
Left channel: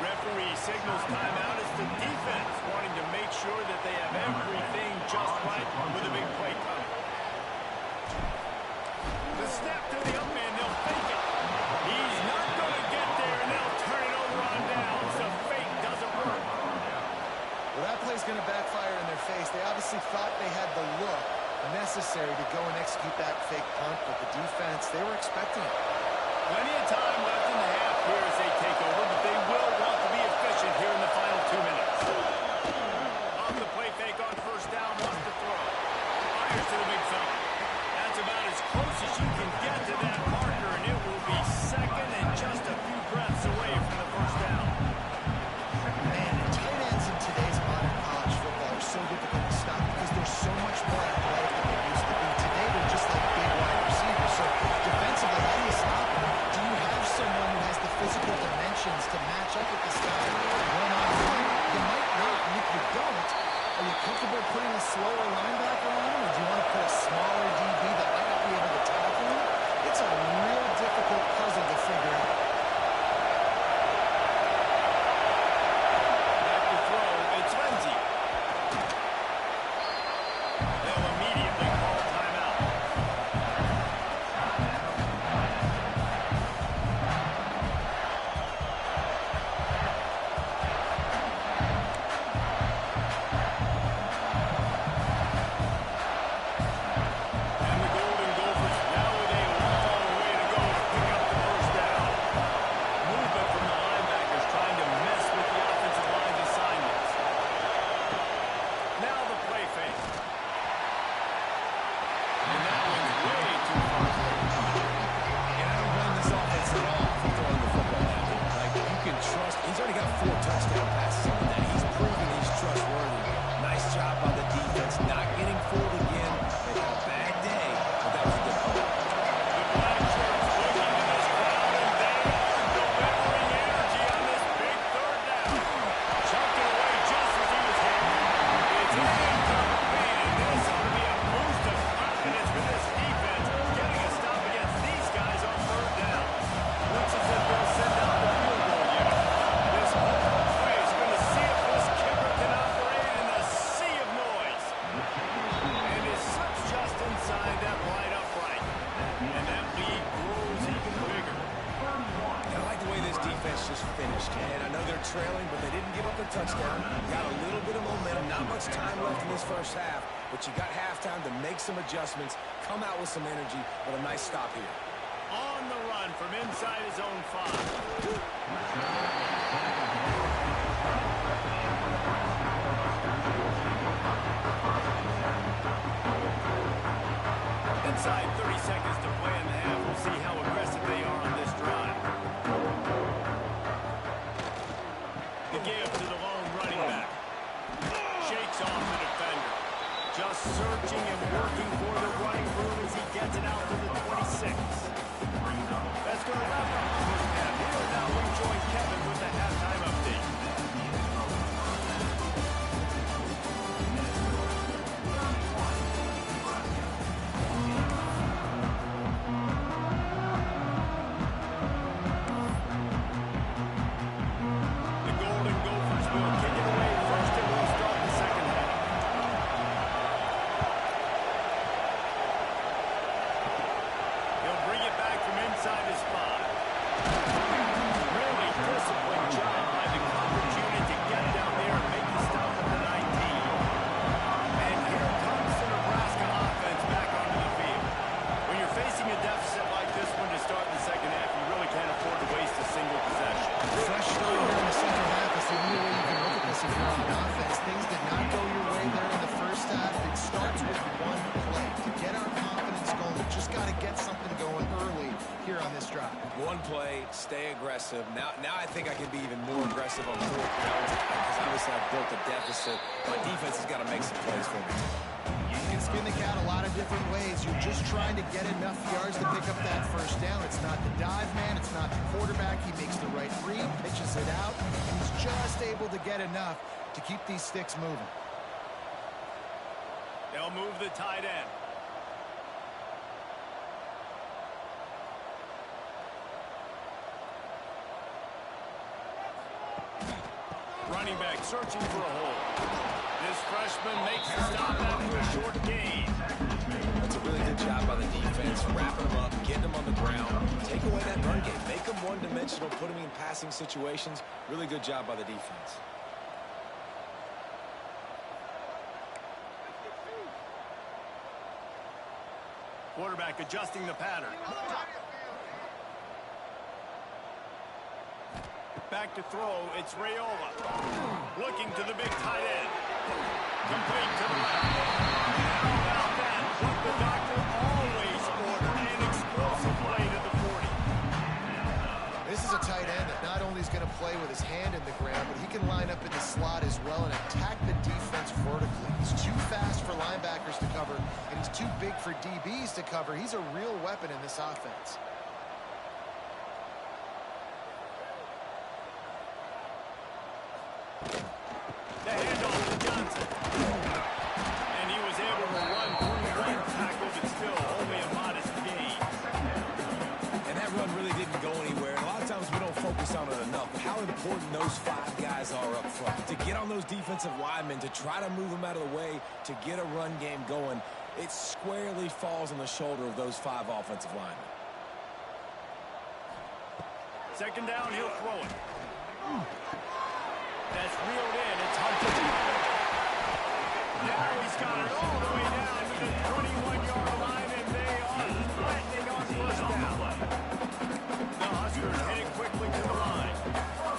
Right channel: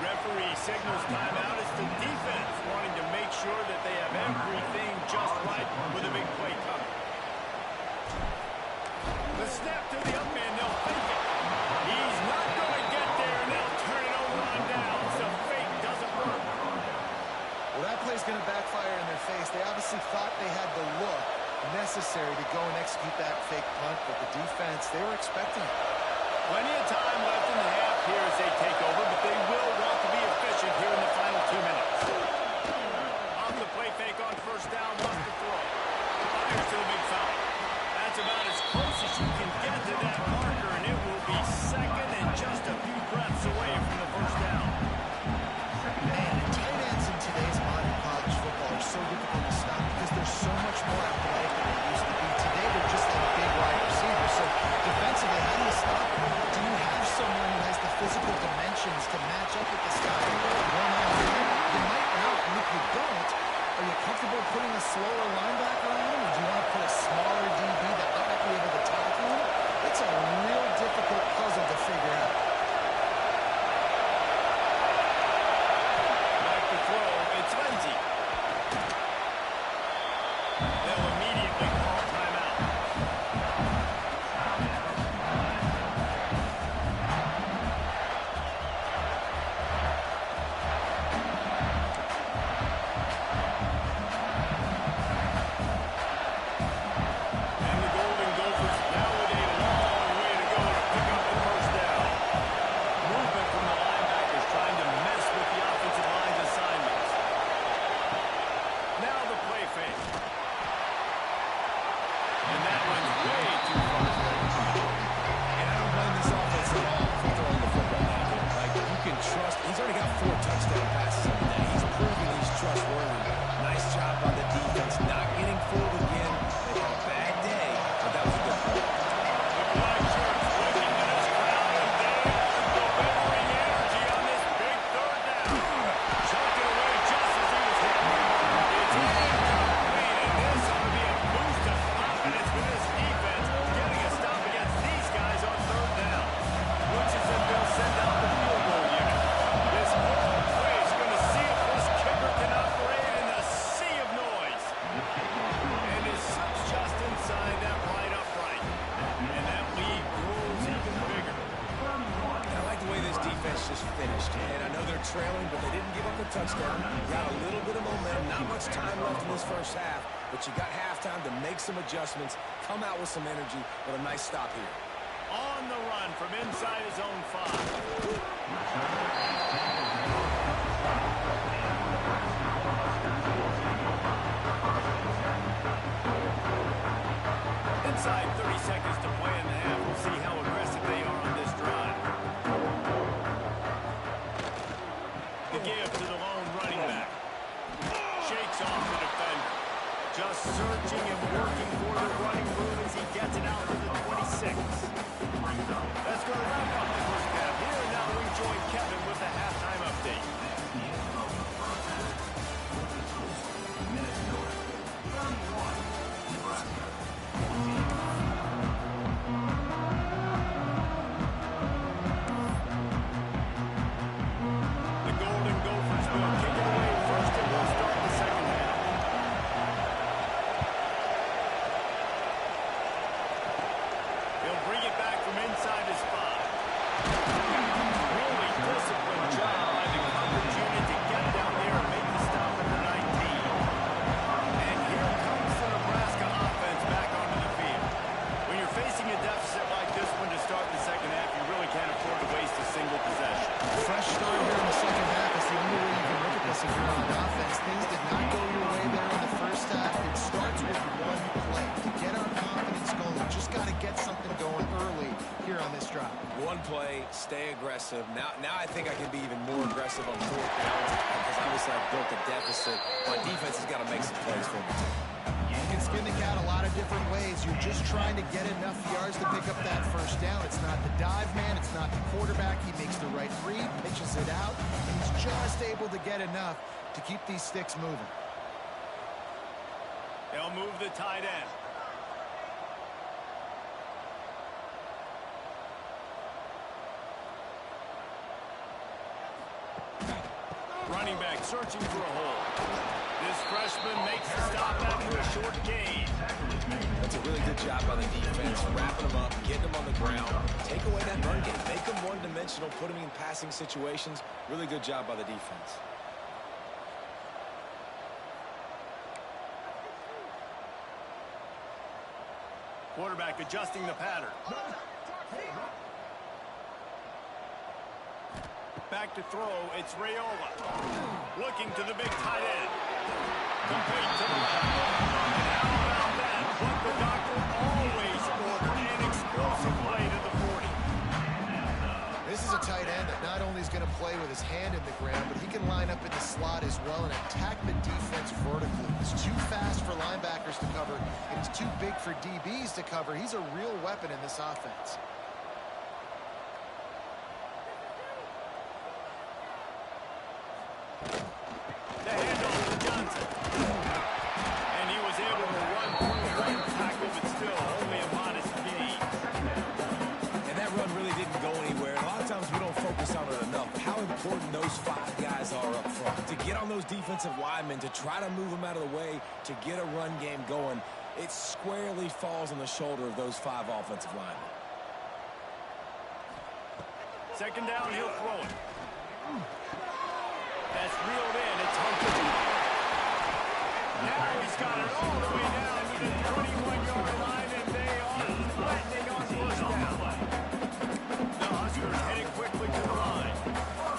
Referee signals timeout. It's the defense wanting to make sure that they have everything just right with a big play coming. The snap to the up man, they'll fake it. He's not going to get there, and they'll turn it over on downs. The fake doesn't work. Well, that play's going to backfire in their face. They obviously thought they had the look necessary to go and execute that fake punt, but the defense, they were expecting it. Plenty of time left in the half here as they take over, but they will want to be efficient here in the final 2 minutes. Off the play fake on first down, wants to throw. Fires to the big fella. That's about as close as you can get to that marker, and it will be second and just a few breaths away from the first down. Man, and tight ends in today's modern college football are so difficult to stop because they're so much more athletic than they used to be. Today, they're just like big wide receivers. So defensively, how do you stop them? Do you have someone who has the physical dimensions to match up with this guy one-on-one? You might not, and if you don't, are you comfortable putting a slower linebacker on him, or do you want to put a smaller DB that might not be able to tackle him? It's a real difficult puzzle to figure out. Back to throw, it's Lindsey. They'll immediately call timeout. And the Golden Gophers now with a long way to go to pick up the first down. Movement from the linebackers trying to mess with the offensive line's assignments. Now the play fake. And that one's way too far. And I don't blame this offense at all for throwing the football down here. Like, you can trust. He's already got 4 touchdown passes on the day. He's proven he's trustworthy. Nice job by the defense, not getting fooled again. They had a bad day, but that was a good play. The black shirts looking to this crowd, and they are delivering energy on this big 3rd down. Chucked it away just as he was hit. It's incomplete, and this ought to be a boost of confidence for this defense, getting a stop against these guys on 3rd down. Looks as if they'll send out the field goal unit. This whole play is going to see if this kicker can operate in a sea of noise. And it slips just inside that right upright. And that lead grows even bigger. And I like the way this defense just finished. And I know they're trailing, but they didn't give up a touchdown. Got a little bit of momentum. Not much time left in this first half, but you got halftime to make some adjustments, come out with some energy, but a nice stop here. On the run from inside his own 5. Inside 30 seconds to play in the half. We'll see how aggressive they are on this drive. The give to the lone running back. Shakes off the defender. Just searching and working for the running room as he gets it out to the 26. That's going to wrap up the first half here. Now we join Kevin with the halftime update. The Golden Gophers will kick it away first, and we'll start the second half. He'll bring it back from inside his 5. Really disciplined job by the coverage unit to get down there and make the stop at the 19. And here comes the Nebraska offense back onto the field. When you're facing a deficit like this one to start the second half, you really can't afford to waste a single possession. Fresh start here in the second half is the only way you can look at this if you're on offense. Things did not go your way there in the first half. It starts with one play. To get our confidence going, we just got to get something going early here on this drive. One play, stay aggressive. Now I think I can be even more aggressive on 4th down because obviously I've built a deficit. My defense has got to make some plays for me too. You can skin the cat a lot of different ways. You're just trying to get enough yards to pick up that first down. It's not the dive man. It's not the quarterback. He makes the right read, pitches it out, and he's just able to get enough to keep these sticks moving. They'll move the tight end. Running back searching for a hole. This freshman makes the stop after a short gain. That's a really good job by the defense, wrapping them up, getting them on the ground, take away that run game, make them one-dimensional, put them in passing situations. Really good job by the defense. Quarterback adjusting the pattern. Back to throw, it's Raiola. Looking to the big tight end. Complete to the left. And how about that? What the doctor always ordered, an explosive play to the 40. This is a tight end that not only is going to play with his hand in the ground, but he can line up in the slot as well and attack the defense vertically. He's too fast for linebackers to cover, and he's too big for DBs to cover. He's a real weapon in this offense. The handoff to Johnson. And he was able to run through one tackle, but still only a modest gain. And that run really didn't go anywhere. And a lot of times we don't focus on it enough. But how important those 5 guys are up front. To get on those defensive linemen, to try to move them out of the way, to get a run game going, it squarely falls on the shoulder of those 5 offensive linemen. Second down, he'll throw it. That's reeled in. It's Hunter. Now he's got it all the way down to the 21-yard line, and they are threatening on first down. The Huskers heading quickly to the line.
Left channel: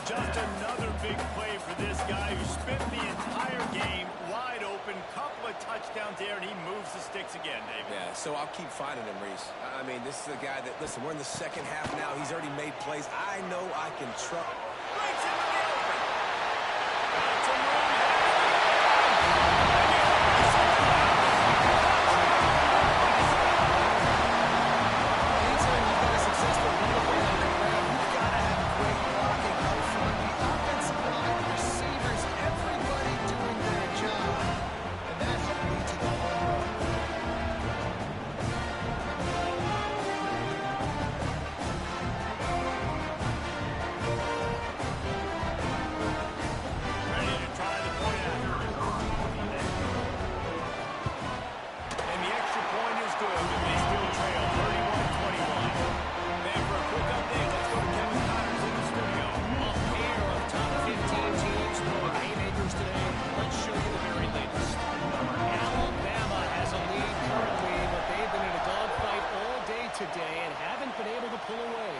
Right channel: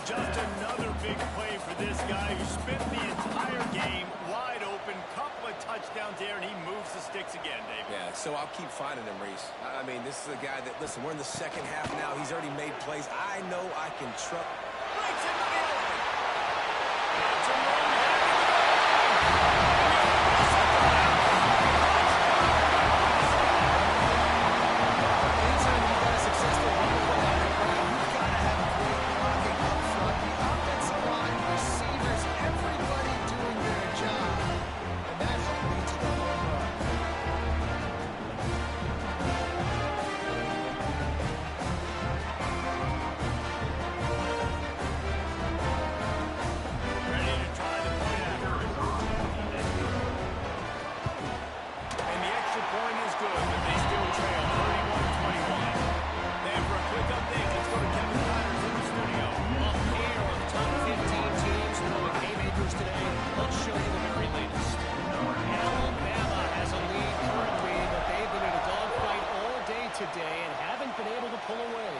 Just another big play for this guy who spent the entire game wide open. Couple of touchdowns there, and he moves the sticks again, David. Yeah, so I'll keep finding him, Reese. I mean, this is a guy that, listen, we're in the second half now. He's already made plays. I know I can trust. Breaks into the open. Got some room headed to the goal line. And he'll miss it. Anytime you've got a successful run play on the ground, you've got to have great blocking up front. The offensive line, receivers, everybody doing their job. And that helped lead to the home run. Ready to try the point after. And the extra point is good, but they still trail 31-21. And for a quick update, let's go to Kevin Connors in the studio. A pair of top 15 teams throwing haymakers today. Let's show you the very latest. Alabama has a lead currently, but they've been in a dogfight all day today and haven't been able to pull away.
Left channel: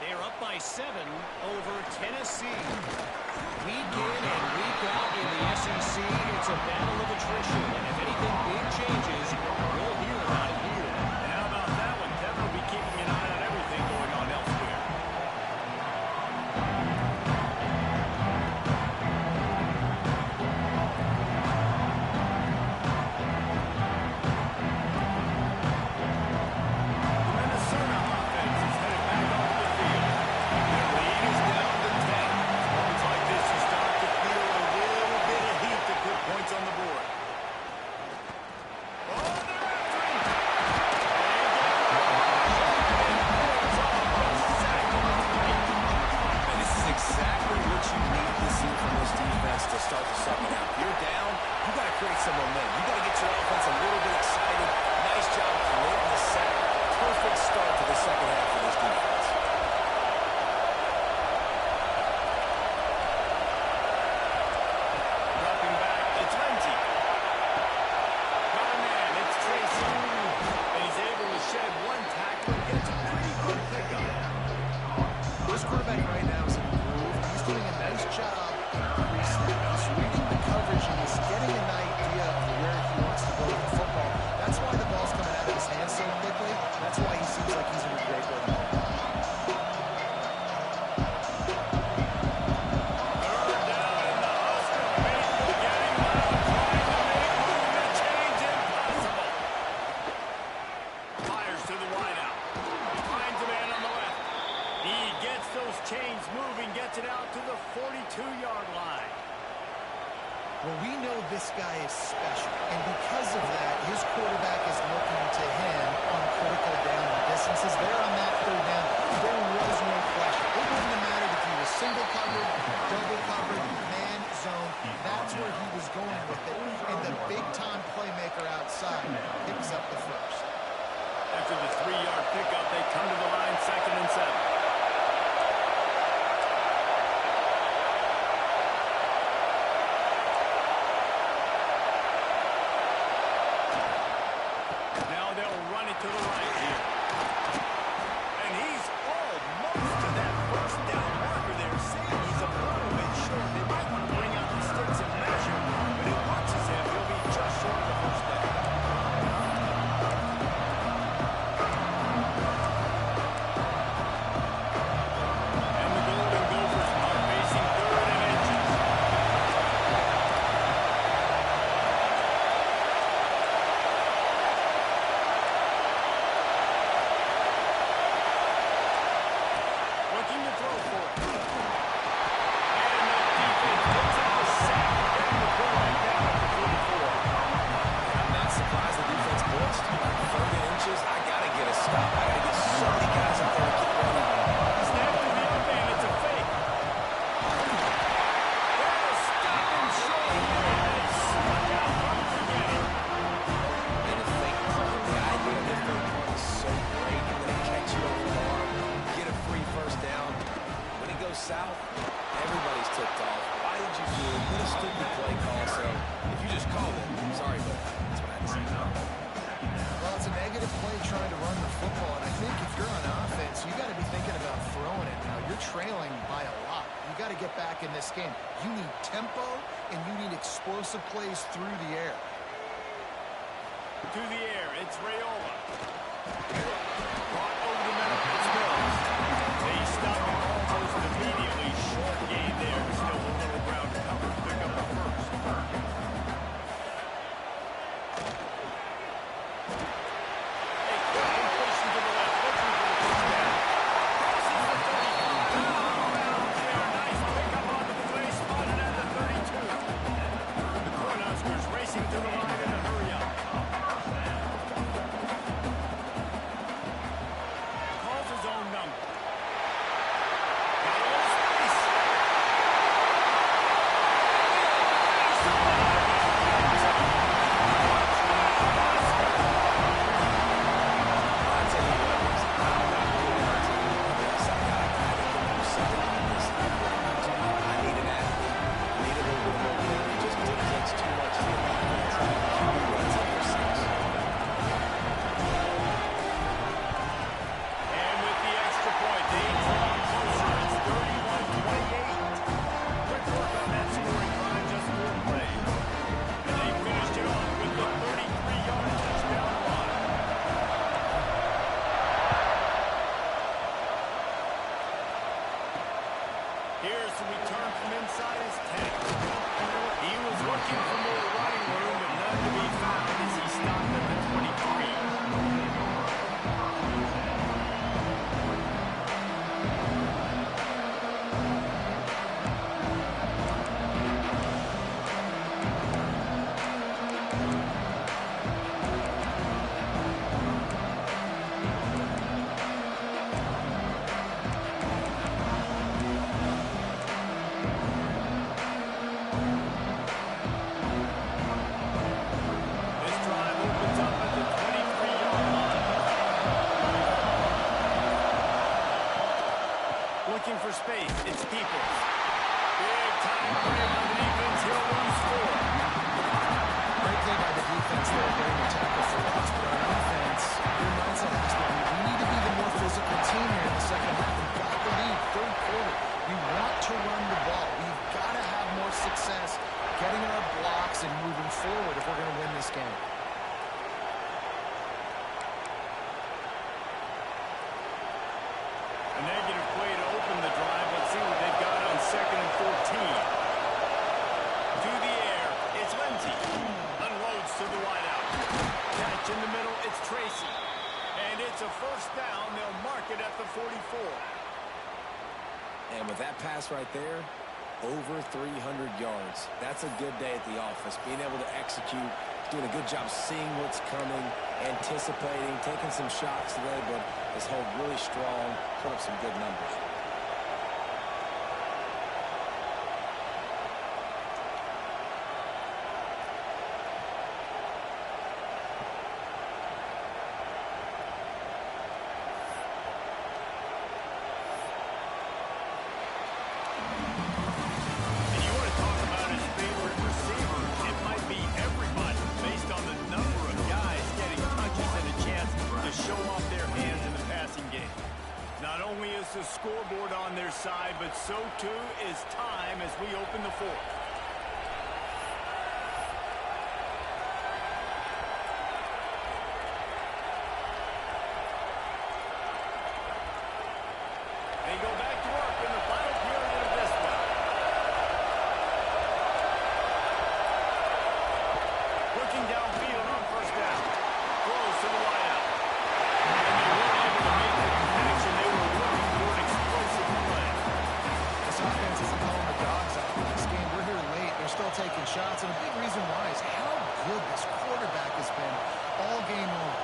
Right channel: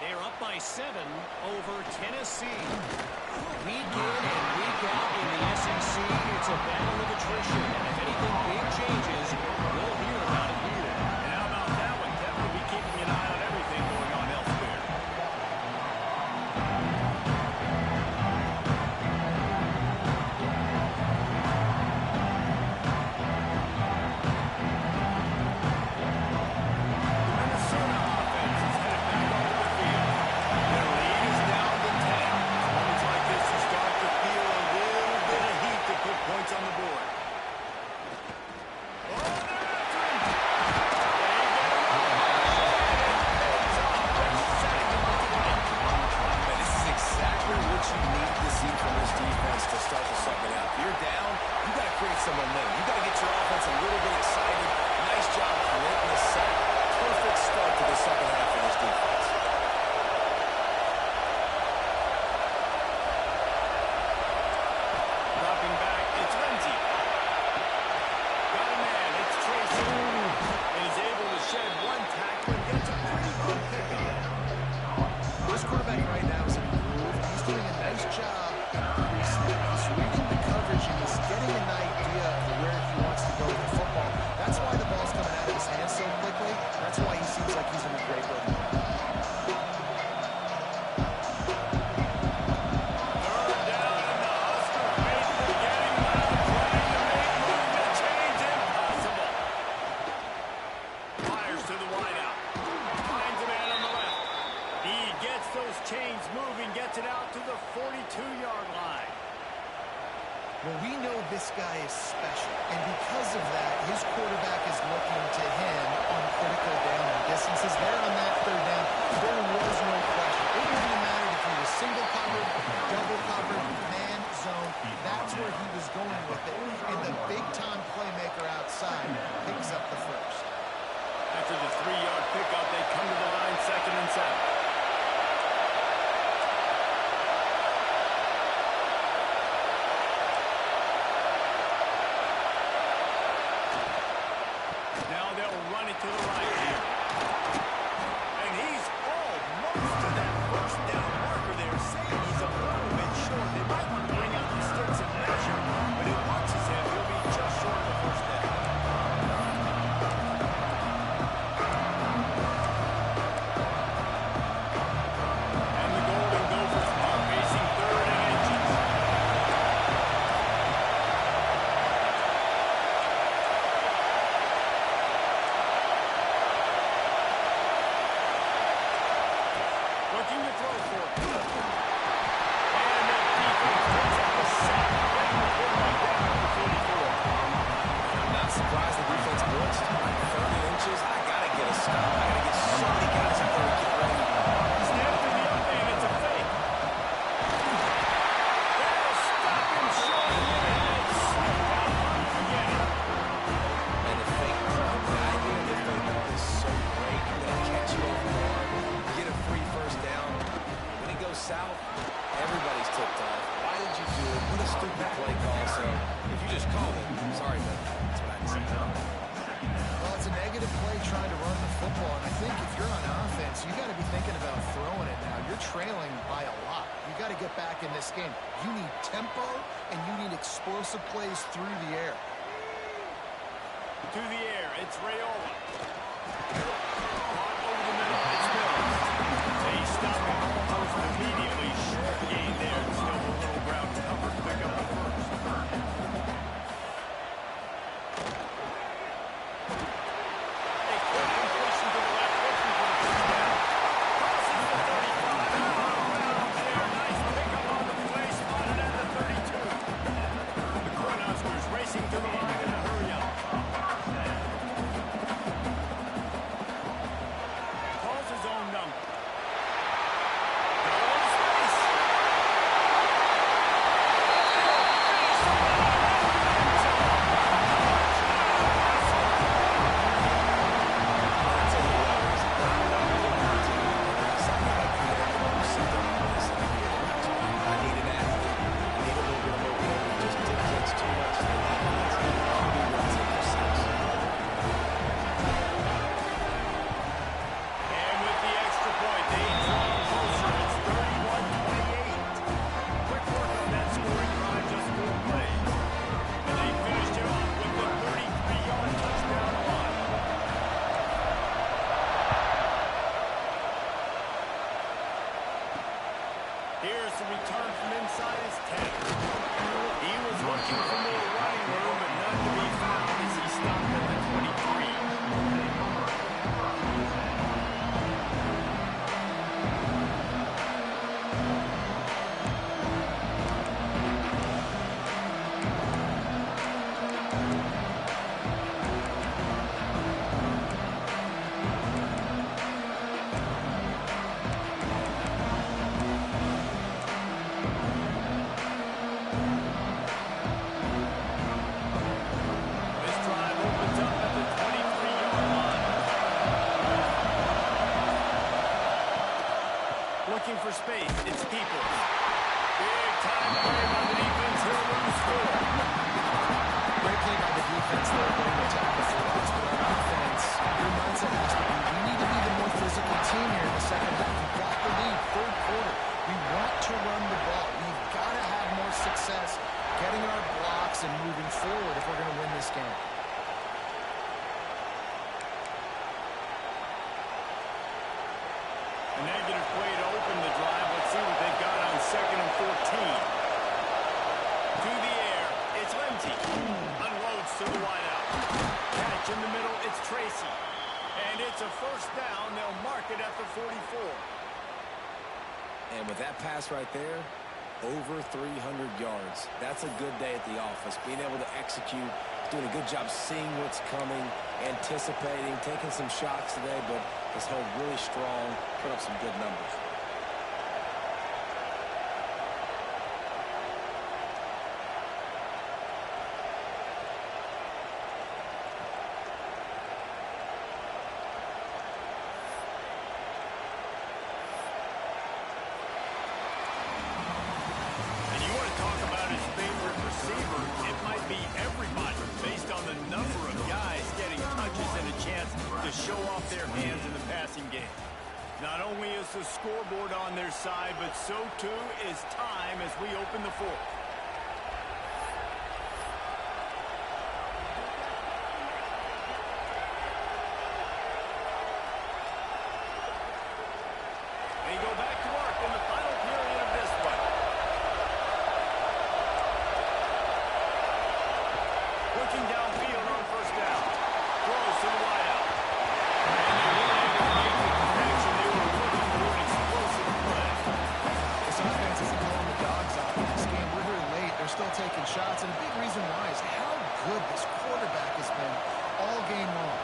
They're up by 7 over Tennessee. Week in and week out in the SEC, it's a battle of attrition. And if anything big changes, we'll hear about it here. And how about that one? Kevin will be keeping an eye on everything going on elsewhere. down, you got to create some momentum. You got to get your offense a little bit excited. Nice job creating the sack. Perfect start to the second half of this defense. Dropping back, it's Renzi. Got a man, it's Tracy. And he's able to shed one tackle and gets a pretty good pickup. This quarterback right now is in a groove. He's doing a nice job in pre-snap. He's reading the coverage and he's getting an idea of where he wants to go with the football. That's why the ball's coming out of his hands so quickly. That's why he seems like he's in a great rhythm. Third down and the Husker faithful getting loud, trying to make movement change impossible. Fires to the wideout. Finds a man on the left. He gets those chains moving, gets it out to the 42-yard line. Well, we know this guy is special, and because of that, his quarterback is looking to him on critical down and distances. There on that third down, there was no question. It wouldn't have mattered if he was single covered, double covered, man zone. That's where he was going with it, and the big-time playmaker outside picks up the first. After the 3-yard pickup, they come to the line, 2nd and 7. Now they'll run it to the right here. And he's almost to that first down marker there. Saying he's a little bit short. They might want to bring out the sticks and measure, but it looks as if he'll be just short of the first down. And the Golden Gophers are facing 3rd and inches. Looking to throw for it. And the defense picks up a sack, getting the quarterback down at the 44. And I'm not surprised the defense blitzed. Like 3rd and inches, I got to get a stop. I got to get so many guys up there to get ready. Snap to the up and it's a fake. They'll stop him short here, and it's slipped out from the beginning. And the fake part, the idea of the fake part is so great. I'm going to catch you off guard, get a free first down. When it goes south, everybody's tipped off. Why did you do it? What a stupid play call. So if you just called it, sorry, but that's what I had to say. Well, it's a negative play trying to run the football, and I think if you're on offense, you got to be thinking about throwing it now. You're trailing by a lot. You got to get back in this game. You need tempo, and you need explosive plays through the air. To the air, it's Raiola. Caught over the middle, it's Mills. They stop him almost immediately. Short gain there, still a little ground to cover. Pick up the first. A quick completion to the left, looking for the first down. Crosses the 35. Out of bounds there. Nice pickup on the play, spotted at the 32. The Cornhuskers racing to the line in a hurry up. Calls his own number. Got a little space. Finish the line. I'll tell you what, I'm not putting my team on this. I got a guy that can do something on this. I need an athlete. I need a little bit of mobility. It just dictates too much to the defense. QB runs it for 6. And with the extra point, they draw closer. It's 31-28. Quick work on that scoring drive, just 4 plays. And they finished it off with the 33-yard touchdown run. Here's the return from inside his 10. He was looking for more running room, but none to be found as he stopped at the 23. space. It's Peoples. Big time play by the defense. He'll lose 4. Great play by the defense there, getting the tackle for loss. But on offense, your mindset has to be, we need to be the more physical team here in the second half. We've got the lead, third quarter. We want to run the ball. We've got to have more success getting our blocks and moving forward if we're going to win this game. A negative play to open the drive. Let's see what they've got on 2nd and 14. To the air, it's Lindsey. Unloads to the wideout. Catch in the middle, it's Tracy. And it's a first down. They'll mark it at the 44. And with that pass right there, over 300 yards. That's a good day at the office. Being able to execute, doing a good job seeing what's coming, anticipating, taking some shots today, but his hold really strong, put up some good numbers. Not only is the scoreboard on their side, but so too is time as we open the 4th. They go back to work in the final period of this one. Looking downfield on first down. Throws to the wideout. And they weren't able to make the connection. They were looking for an explosive play. This offense isn't calling the dogs out in this game. We're here late. They're still taking shots. And a big reason why is how good this quarterback has been all game long.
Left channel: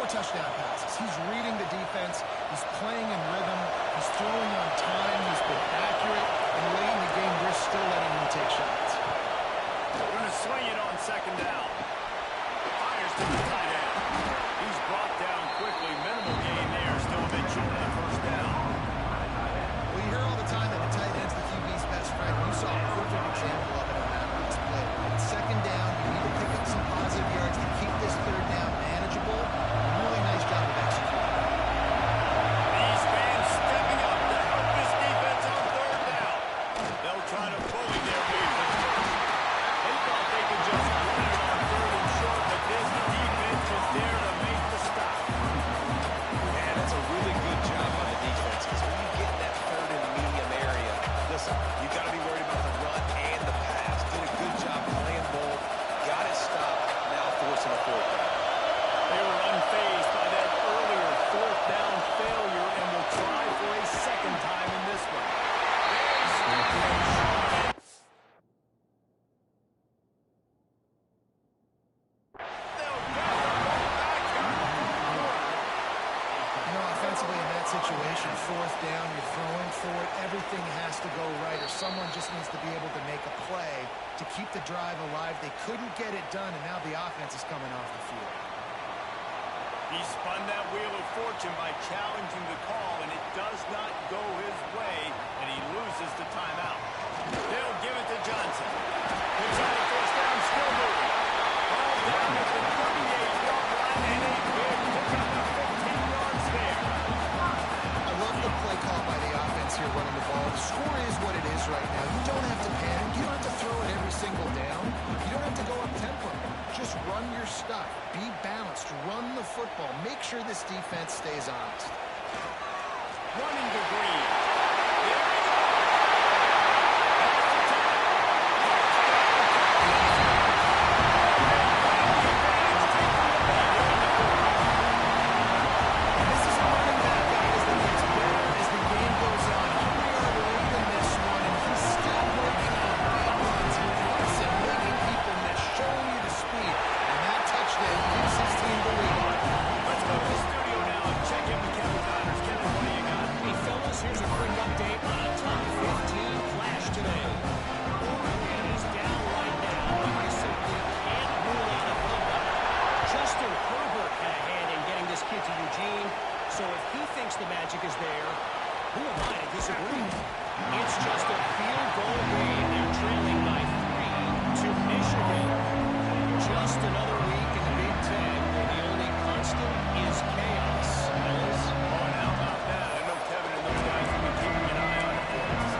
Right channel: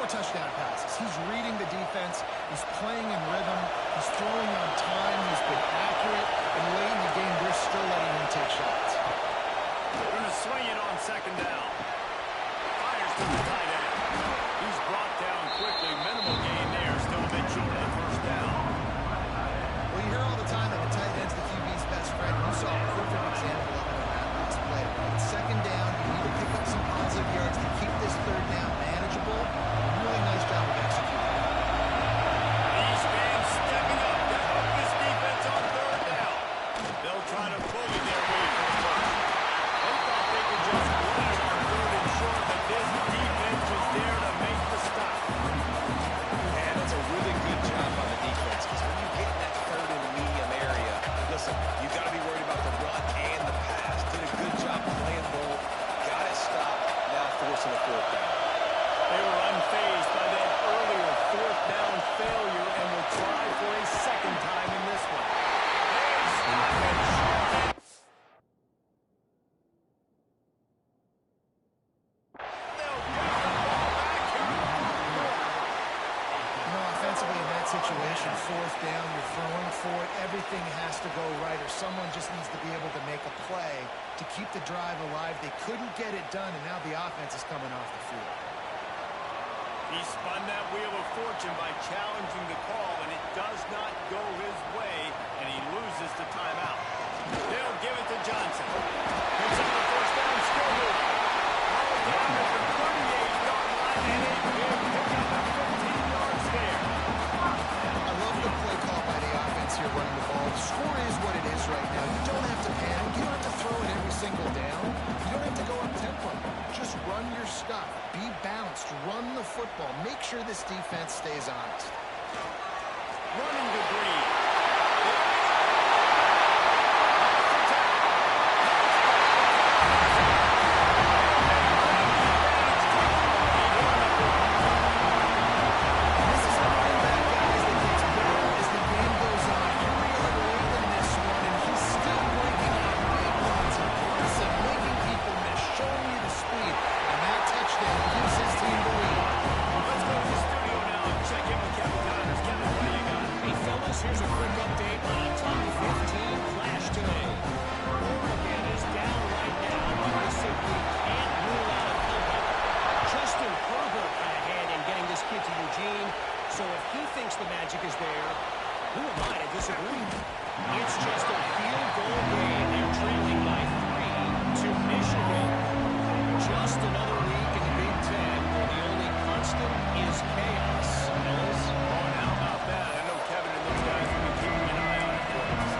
4 touchdown passes. He's reading the defense. He's playing in rhythm. He's throwing on time. He's been accurate. And late in the game, we're still letting him take shots. They're going to swing it on 2nd down. Fires to the tight end. He's brought down quickly. Minimal gain there. Still a bit short of the first down. Well, you hear all the time that the tight end's the QB's best friend. You saw a perfect example of it on that last play, right? 2nd down, you need to pick up some positive yards to keep this 3rd down manageable. Really nice job of executing. These fans stepping up to help this defense on 3rd down. They'll try to bully their way for the first. They thought they could just run it on 3rd and short, but this defense was there to make the stop. Yeah, that's a really good job by the defense, because when you get in that 3rd and medium area, listen, you got to be worried about the run and the pass. Did a good job playing both, got it stopped, now forcing a 4th down. They were unfazed by that earlier 4th down failure and will try for a 2nd time in this one. They stop him short. They'll get the ball back here in the 4th quarter. You know, offensively in that situation, 4th down, you're throwing for it. Everything has to go right, or someone just needs to be able to make a play to keep the drive alive. They couldn't get it done, and now the offense is coming off the field. He spun that wheel of fortune by challenging the call, and it does not go his way, and he loses the timeout. They'll give it to Johnson. Picks up the first down, still moving. Ball down at the 38-yard line, and a big pickup of 15 yards there. I love the play call by the offense here running the ball. The score is what it is right now. You don't have to panic. You don't have to throw it every single down. You don't have to go up tempo. Just run your stuff. Be balanced. Run the football. Make sure this defense stays honest. Running to Green. There he goes. That's the tackle. And this is a running back, guys, that gets better as the game goes on. Here we are late in this one, and he's still breaking out big runs, impressive, making people miss, showing you the speed. And that touchdown gives his team the lead. Let's go to the studio now and check in with Kevin Connors. Kevin, what do you got? Hey, fellas, here's a quick update on a top 15 flash today. Oregon is down right now, but you simply can't rule out a comeback. Justin Herbert had a hand in getting this kid to Eugene, so if he thinks the magic is there, Who am I to disagree? It's just a field goal game. They're trailing by 3 to Michigan. Just another week in the Big Ten where the only constant is chaos. Ellis? Oh, and how about that? I know Kevin and those guys will be keeping an eye on it for us.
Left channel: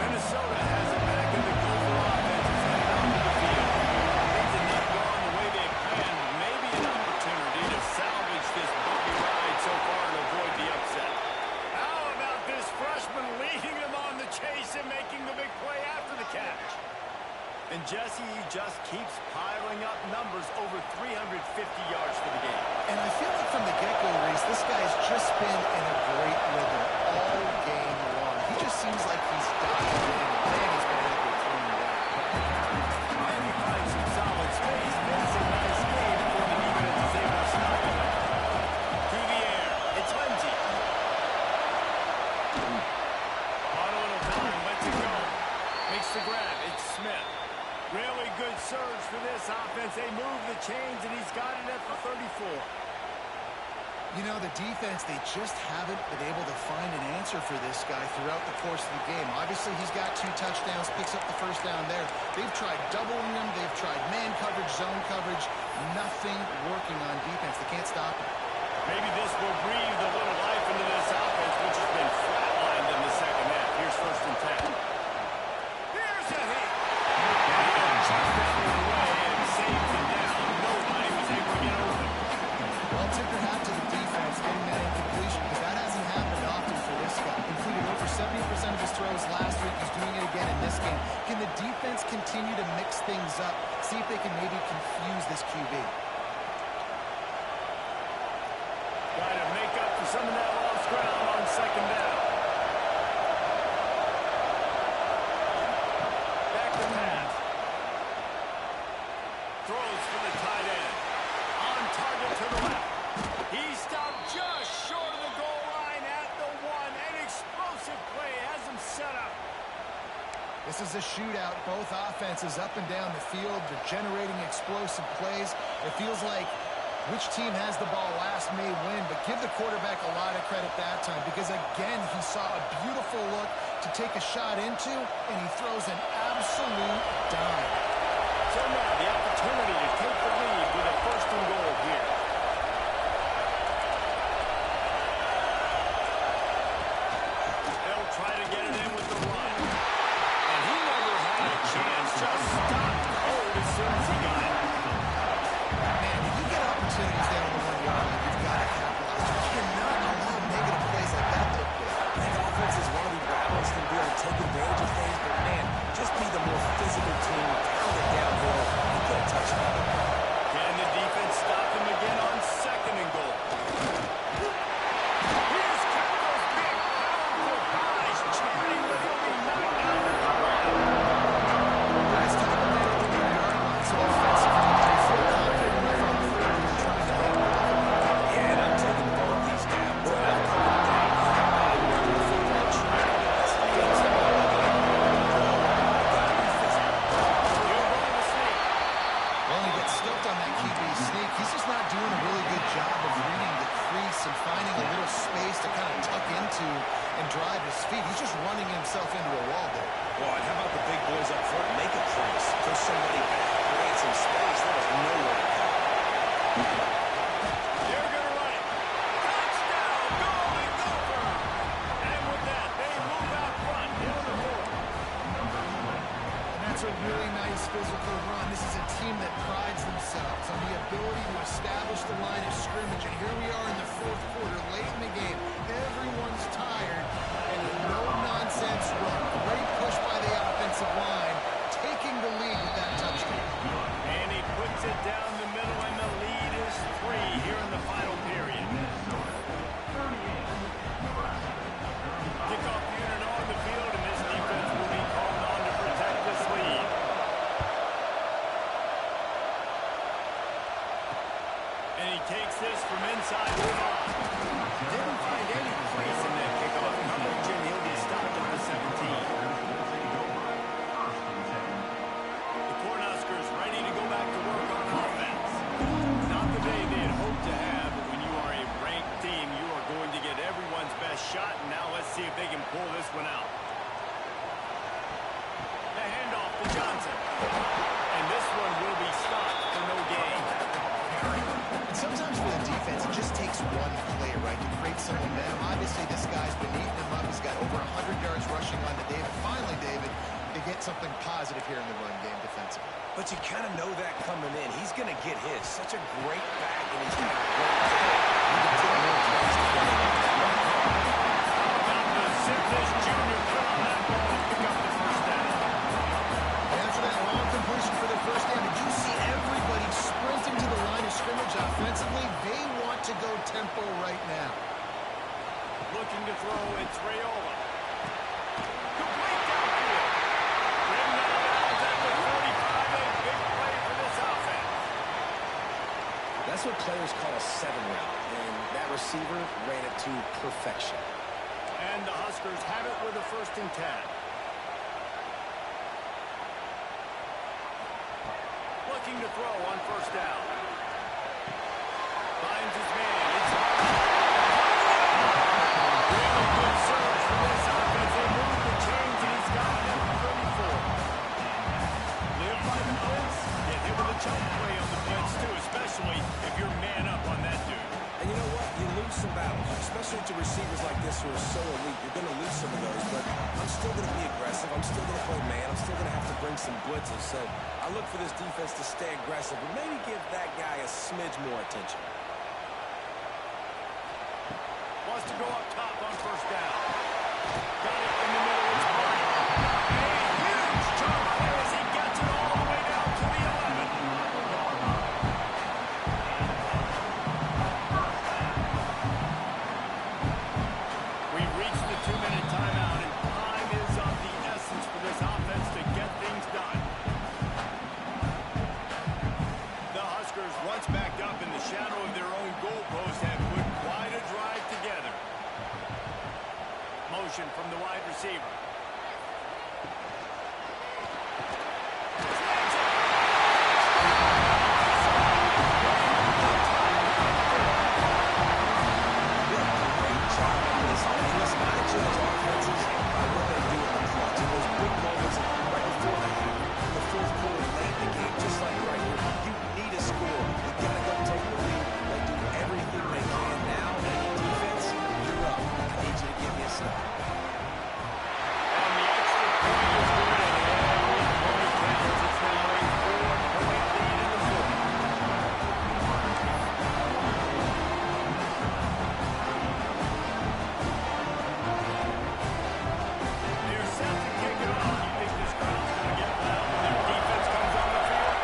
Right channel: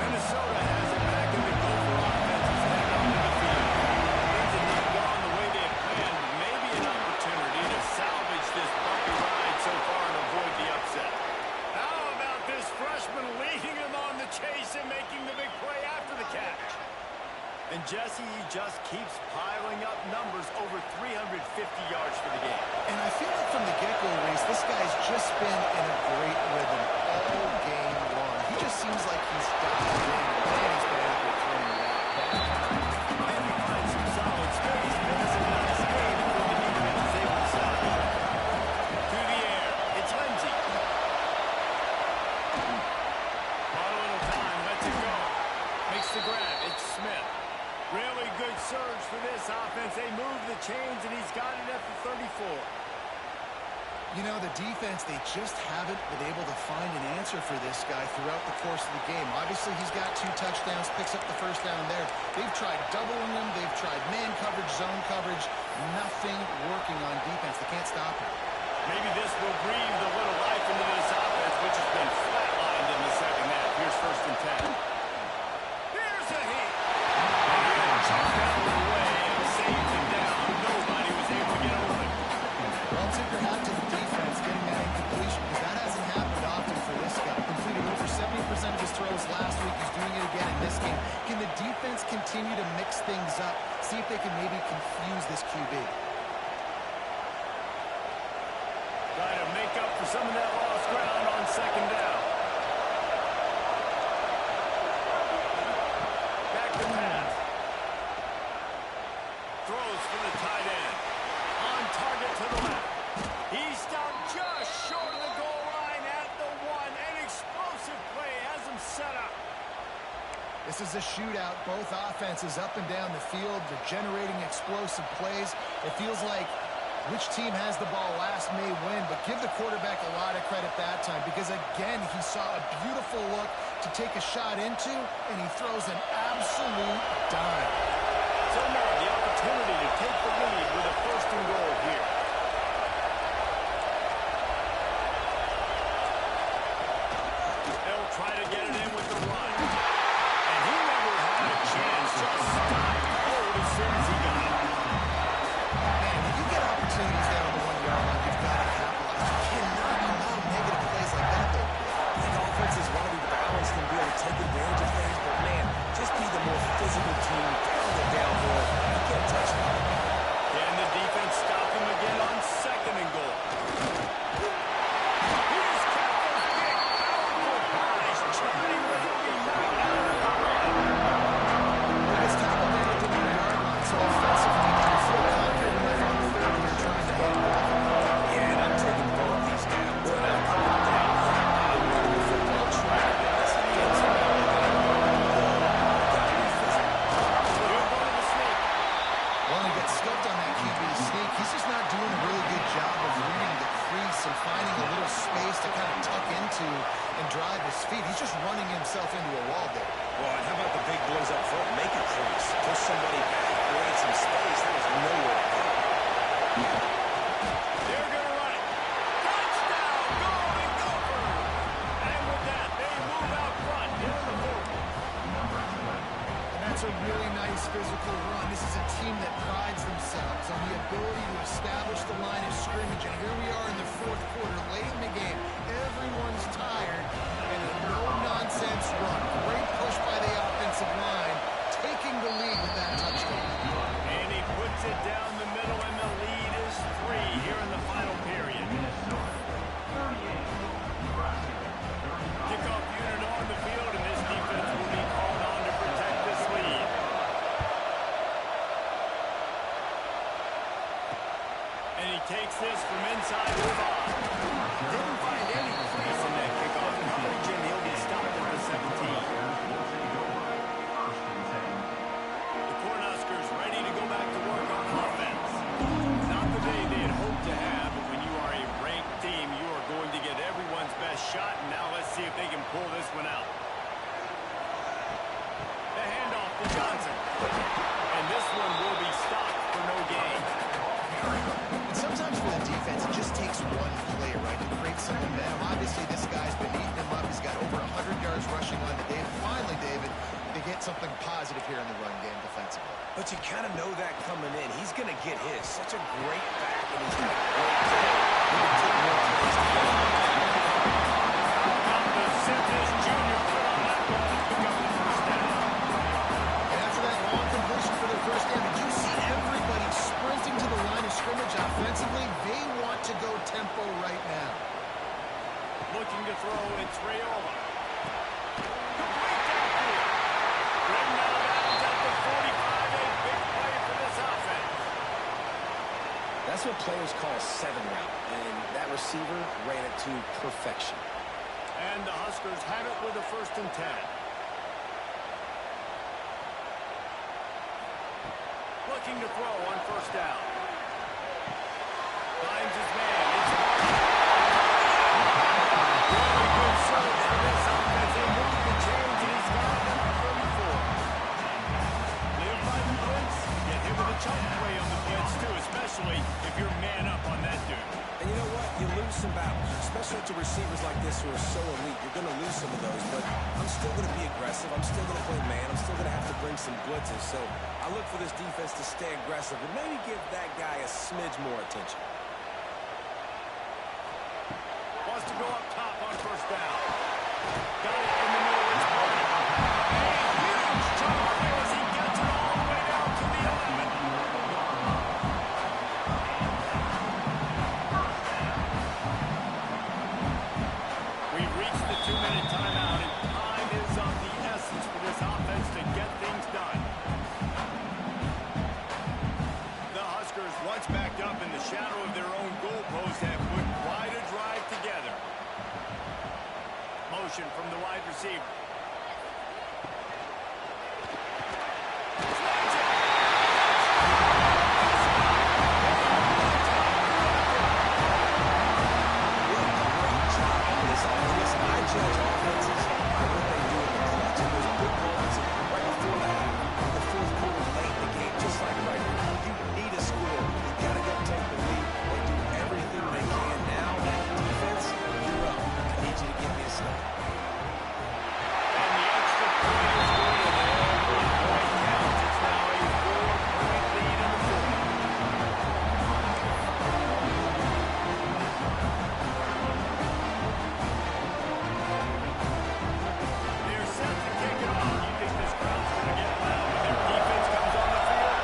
Minnesota has it back, and the Gopher offense is headed onto the field. Things have not gone the way they had planned, but maybe an opportunity to salvage this bumpy ride so far and avoid the upset. How about this freshman leading him on the chase and making the big play after the catch? And Jesse, he just keeps piling up numbers over 350 yards for the game. And I feel like from the get-go, Reese, this guy's just been in a great rhythm all game long. He just seems like he's dialed in. Man, he's been accurate throwing the rock. And he finds some solid space. Makes a nice gain before the defense is able to stop him. To the air. It's Lindsey. Bought a little time. Lets it go. Makes the grab. It's Smith. Really good surge for this offense. They move the chains, and he's got it at the 34. You know, the defense, they just haven't been able to find an answer for this guy throughout the course of the game. Obviously, he's got 2 touchdowns, picks up the first down there. They've tried doubling him. They've tried man coverage, zone coverage. Nothing working on defense. They can't stop him. Maybe this will breathe a little life into this offense, which has been flatlined in the second half. Here's 1st and 10. Here's a hit. And he had chucked that one away and saved him down. Nobody was able to get open. Well, tip your hat to the defense getting that incompletion because that hasn't happened often for this guy. Completed over 70% of his throws last week. He's doing it again in this game. Can the defense continue to mix things up? See if they can maybe confuse this QB. Try to make up for some of that lost ground on 2nd down. Back to pass. Throws for the tight end. On target to the left. He stopped just short of the goal line at the 1. An explosive play has him set up. This is a shootout. Both offenses up and down the field. They're generating explosive plays. It feels like which team has the ball last may win, but give the quarterback a lot of credit that time because, again, he saw a beautiful look to take a shot into, and he throws an absolute dime. So now the opportunity to take the lead with a 1st and goal here. They'll try to get it in with the run. And he never had a chance. Just stopped cold as soon as he got it. Man, when you get opportunities there on the 1-yard line, you've got to capitalize. You cannot allow negative plays like that, though, Chris. I think offenses want to be balanced and be able to take advantage of things, but man, just be the more physical team, pound it downhill, and get a touchdown. Can the defense stop him again on 2nd and goal? He just kept those big, powerful guys charting, but he'll be knocked down at the line. Guys tackled down at the 1-yard line, so offensively, do you feel confident enough on 3rd you're trying to handle it? Yeah, and I'm taking both these downs, and I'm coming down. I'm running the football, trying to get this in the end zone. I've got to be physical. He'll go to the sneak. Well, he gets scoped on that QB sneak. He's just not doing a really good job of reading the crease and finding a little space to kind of tuck into and drive his feet. He's just running himself into a wall there. Well, and how about the big boys up front? Make a crease. Push somebody back. Create some space. There was nowhere to go. They're going to run it. Touchdown, Golden Gophers. And with that, they move out front here in the 4th. And that's a really nice physical run. This is a team that prides themselves on the ability to establish the line of scrimmage. And here we are in the 4th quarter, late in the game. Everyone's tired, and a no-nonsense run. Great push by the offensive line, taking the lead with that touchdown. And he puts it down the middle, and the lead is 3 here in the final period. Kickoff unit on the field, and this defense will be called on to protect this lead. And he takes this from inside the 5. Didn't find any crease in that kickoff coverage, and he'll be stopped at the 17. The Cornhuskers ready to go back to work on offense. Not the day they had hoped to have, but when you are a ranked team, you are going to get everyone's best shot, and now let's see if they can pull this one out. The handoff to Johnson. And this one will be stopped for no gain. And sometimes for the defense, it just takes one play, right, to create some momentum. Obviously, this guy's been eating him up. He's got over 100 yards rushing on to David. Finally, David, they get something positive here in the run game defensively. But you kind of know that coming in. He's going to get his. Such a great back, and he's got a great day. He can take more plays to get him like that. How about the Simplest Jr. put on that ball to pick up the first down? After that long completion for their first down, did you see everybody sprinting to the line of scrimmage offensively? They want to go tempo right now. Looking to throw, it's Raiola. Complete downfield. Ridden out of bounds at the 45, a big play for this offense. That's what players call a 7 route, and that receiver ran it to perfection. And the Huskers have it with a 1st and 10. Looking to throw on 1st down. Finds his man. It's Barney. Really good surge for this offense. They move the chains, and he's got it at the 34. Live by the blitz. Get hit with a chunk play on the blitz, too, especially if you're man up on that dude. And you know what? You lose some battles, especially to receivers like this who are so elite. You're going to lose some of those, but I'm still going to be aggressive. I'm still going to play man. I'm still going to have to bring some blitzes. So I look for this defense to stay aggressive and maybe give that guy a smidge more attention. Wants to go up top on 1st down. Got it in the middle. It's Barney. A huge chunk play as he gets it all the way down to the 11. We've reached the 2-minute timeout, and time is of the essence for this offense to get things done. The Huskers, once backed up in the shadow of their own goalpost, have put quite a drive together. Motion from the wide receiver. Slings it. What a great job on this offense. Listen, I judge offenses by what they do in the clutch. And those big moments right before the half, in the 4th quarter, late in the game, just like right here. You need a score. You got to go take the lead. They do everything they can now. And defense, you're up. I need you to give me a stop. And the extra point is good, and every point counts. It's now a 4-point lead in the 4th. They're set to kick it off. You think this crowd's going to get loud when their defense comes on the field?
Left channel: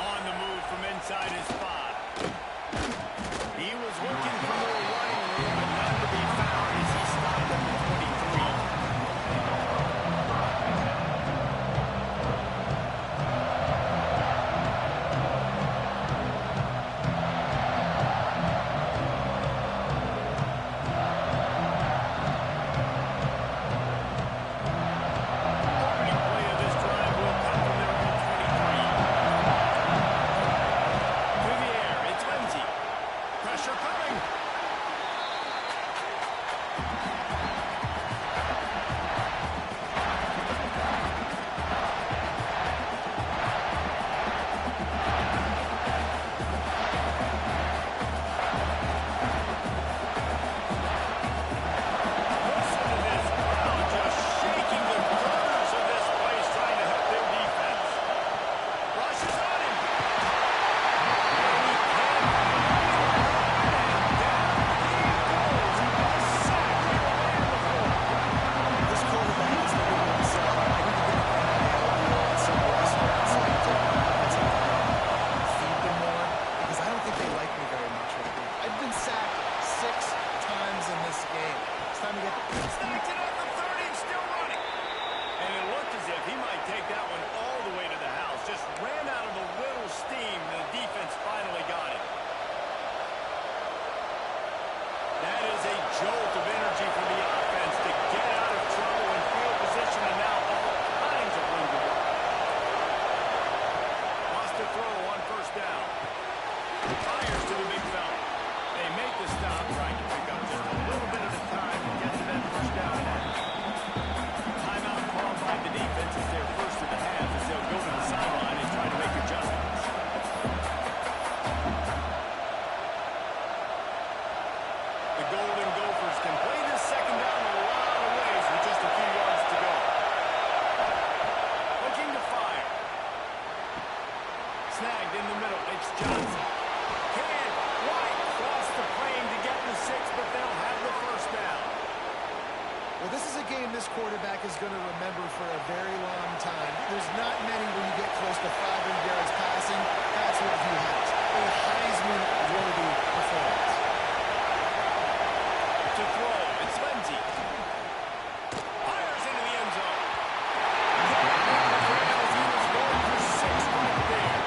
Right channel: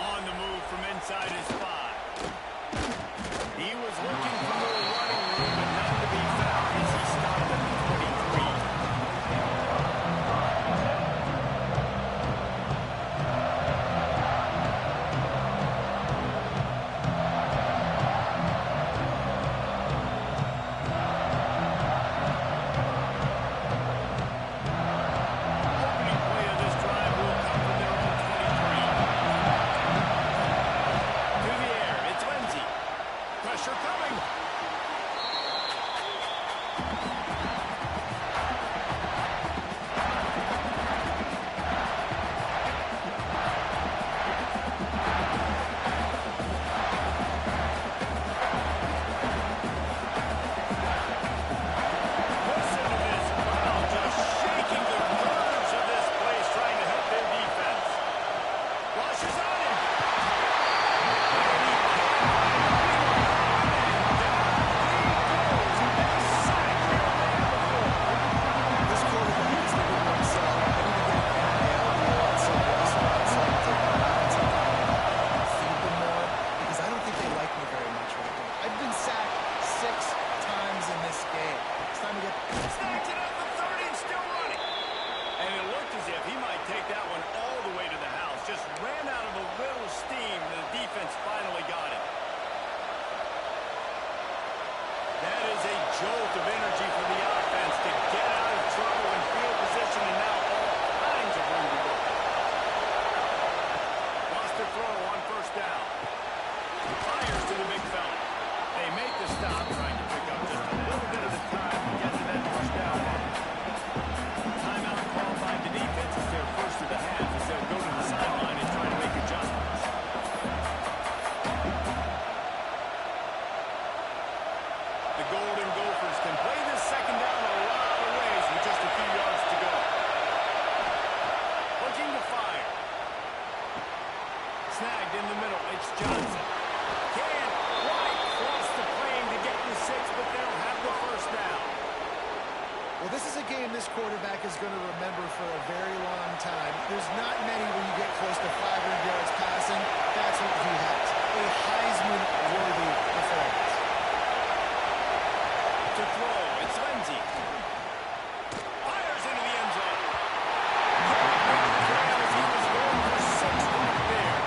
On the move from inside his 5. He was looking for more running room, but none to be found as he stopped at the 23. Opening play of this drive will come from their own 23. To the air, it's Lindsey. Pressure coming. Listen to this crowd just shaking the girders of this place, trying to help their defense. Rushes on him. And he can't find anyone open, and down he goes. A sack here away on the floor. This quarterback is looking for himself. I need to get an NIL deal at some restaurant so I can take my offensive line and feed them more, because I don't think they like me very much right now. I've been sacked 6 times in this game. It's time to get Snags it at the 30 and still running. And it looked as if he might take that one all all the way to the house. Just ran out of a little steam. The defense finally got it. That is a jolt of energy for the offense to get out of trouble in field position, and now all kinds of room to work. Lost a throw on first down. Fires to the big fella. They make the stop, trying to pick up just a little bit at a time to get to that first down mark. Timeout called by the defense. It's their first of the half as they'll go to the sideline and try to make adjustments. The Golden Gophers can play this second down a lot of ways with just a few yards to go. Looking to fire. Snagged in the middle. It's Johnson. Can't quite cross the plane to get the 6, but they'll have the first down. Well, this is a game this quarterback is going to remember for a very long time. There's not many where you get close to 500 yards passing. That's what he has. A Heisman-worthy performance. To throw, it's Lindsey. Fires into the end zone. As he was going for 6 right there.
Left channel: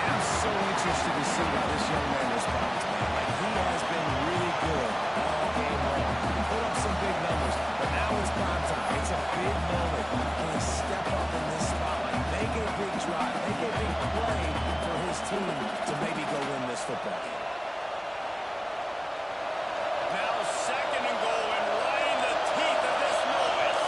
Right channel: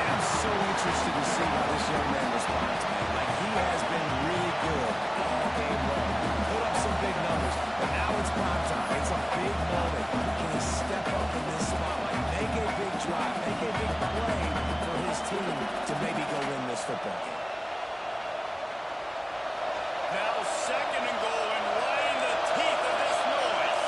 And I'm so interested to see how this young man responds, man. Like, he has been really good all game long. Put up some big numbers, but now it's prime time. It's a big moment. Can he step up in this spotlight, make a big drive, make a big play for his team to maybe go win this football game? Now second and goal, and right in the teeth of this noise.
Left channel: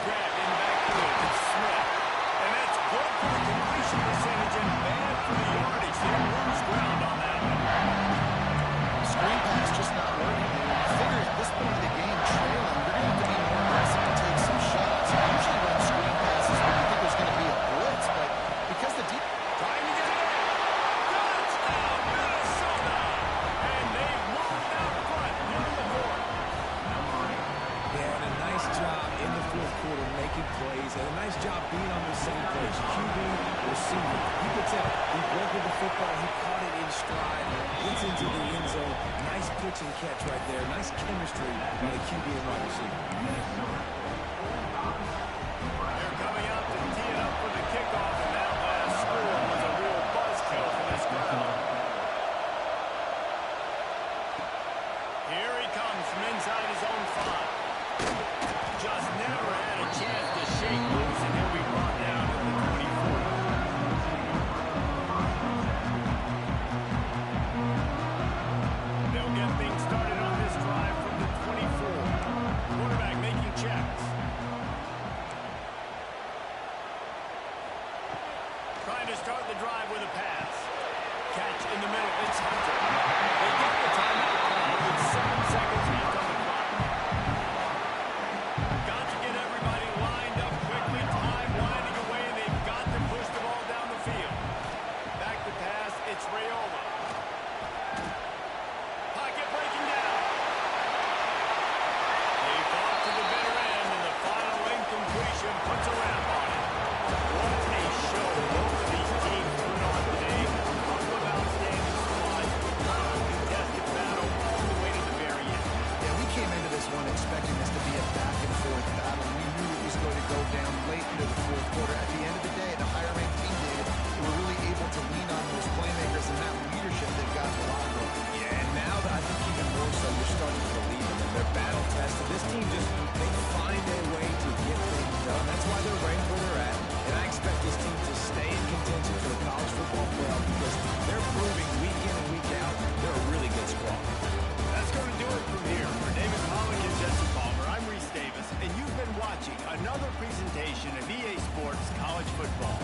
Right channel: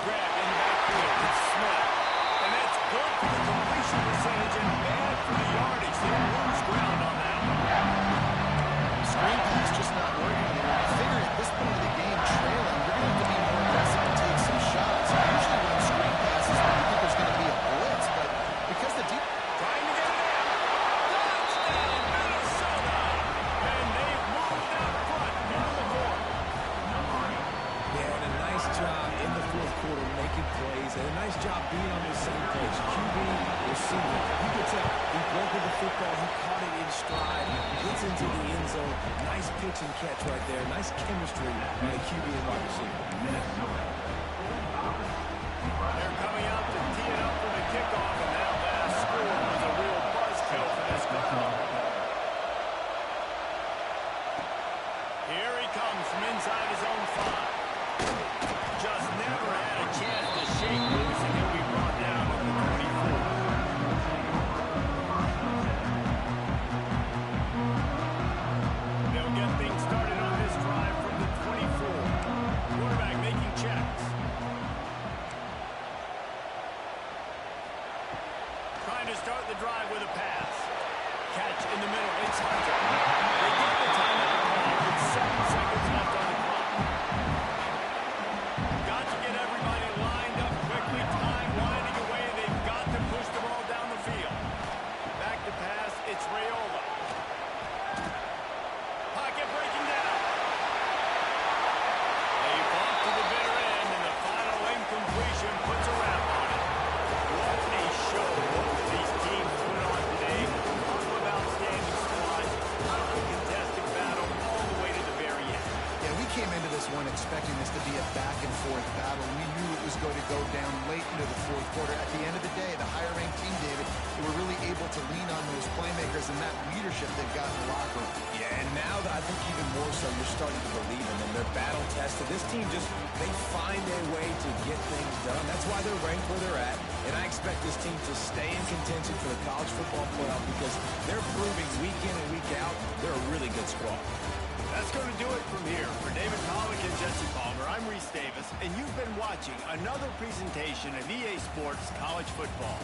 Grab in the backfield. It's Smith. And that's good for the completion percentage and bad for the yardage. They lose ground on that one. Screen pass just not working here. You figure at this point of the game, trailing, you're going to have to be more aggressive and take some shots. You usually run screen passes when you think there's going to be a blitz, but because the deep... Trying to get it in. Touchdown, Minnesota! And they've moved out front here in the fourth. Yeah, and a nice job in the fourth quarter making plays, and a nice job being on the same page. QB, receiver. You could tell he broke with the football. He caught it in stride. Gets into the end zone. Nice pitch and catch right there. Nice chemistry by the QB and wide receiver. They're coming out to tee it up for the kickoff, and that last score was a real buzzkill for this crowd. Here he comes from inside his own 5. Just never had a chance to shake loose, and he'll be brought down at the 24. They'll get things started on this drive from the 24. Quarterback making checks. Trying to start the drive with a pass. Catch in the middle. It's Hunter. They get the timeout call with 7 seconds left on the clock. Got to get everybody lined up quickly. Time winding away. They've got to push the ball down the field. Back to pass. It's Raiola. Pocket breaking down. They fought to the bitter end, and the final incompletion puts a wrap on it. What a show both of these teams put on today. A couple of outstanding squads. Uncontested battle all the way to the very end. Yeah, we came into this one expecting this to be a back-and-forth battle. We knew it was going to go down late into the fourth quarter. At the end of the day, the higher-ranked team, David, they were really able to lean on those playmakers and that leadership they've got in the locker room. Yeah, and now I think even more so, you're starting to believe in them. They're battle-tested. This team just, they find a way to get things done. That's why they're ranked where they're at. And I expect this team to stay in contention for the college football playoff because they're proving week in and week out they're a really good squad. That's going to do it from here. For David Pollack and Jesse Palmer, I'm Reese Davis, and you've been watching another presentation of EA Sports College Football.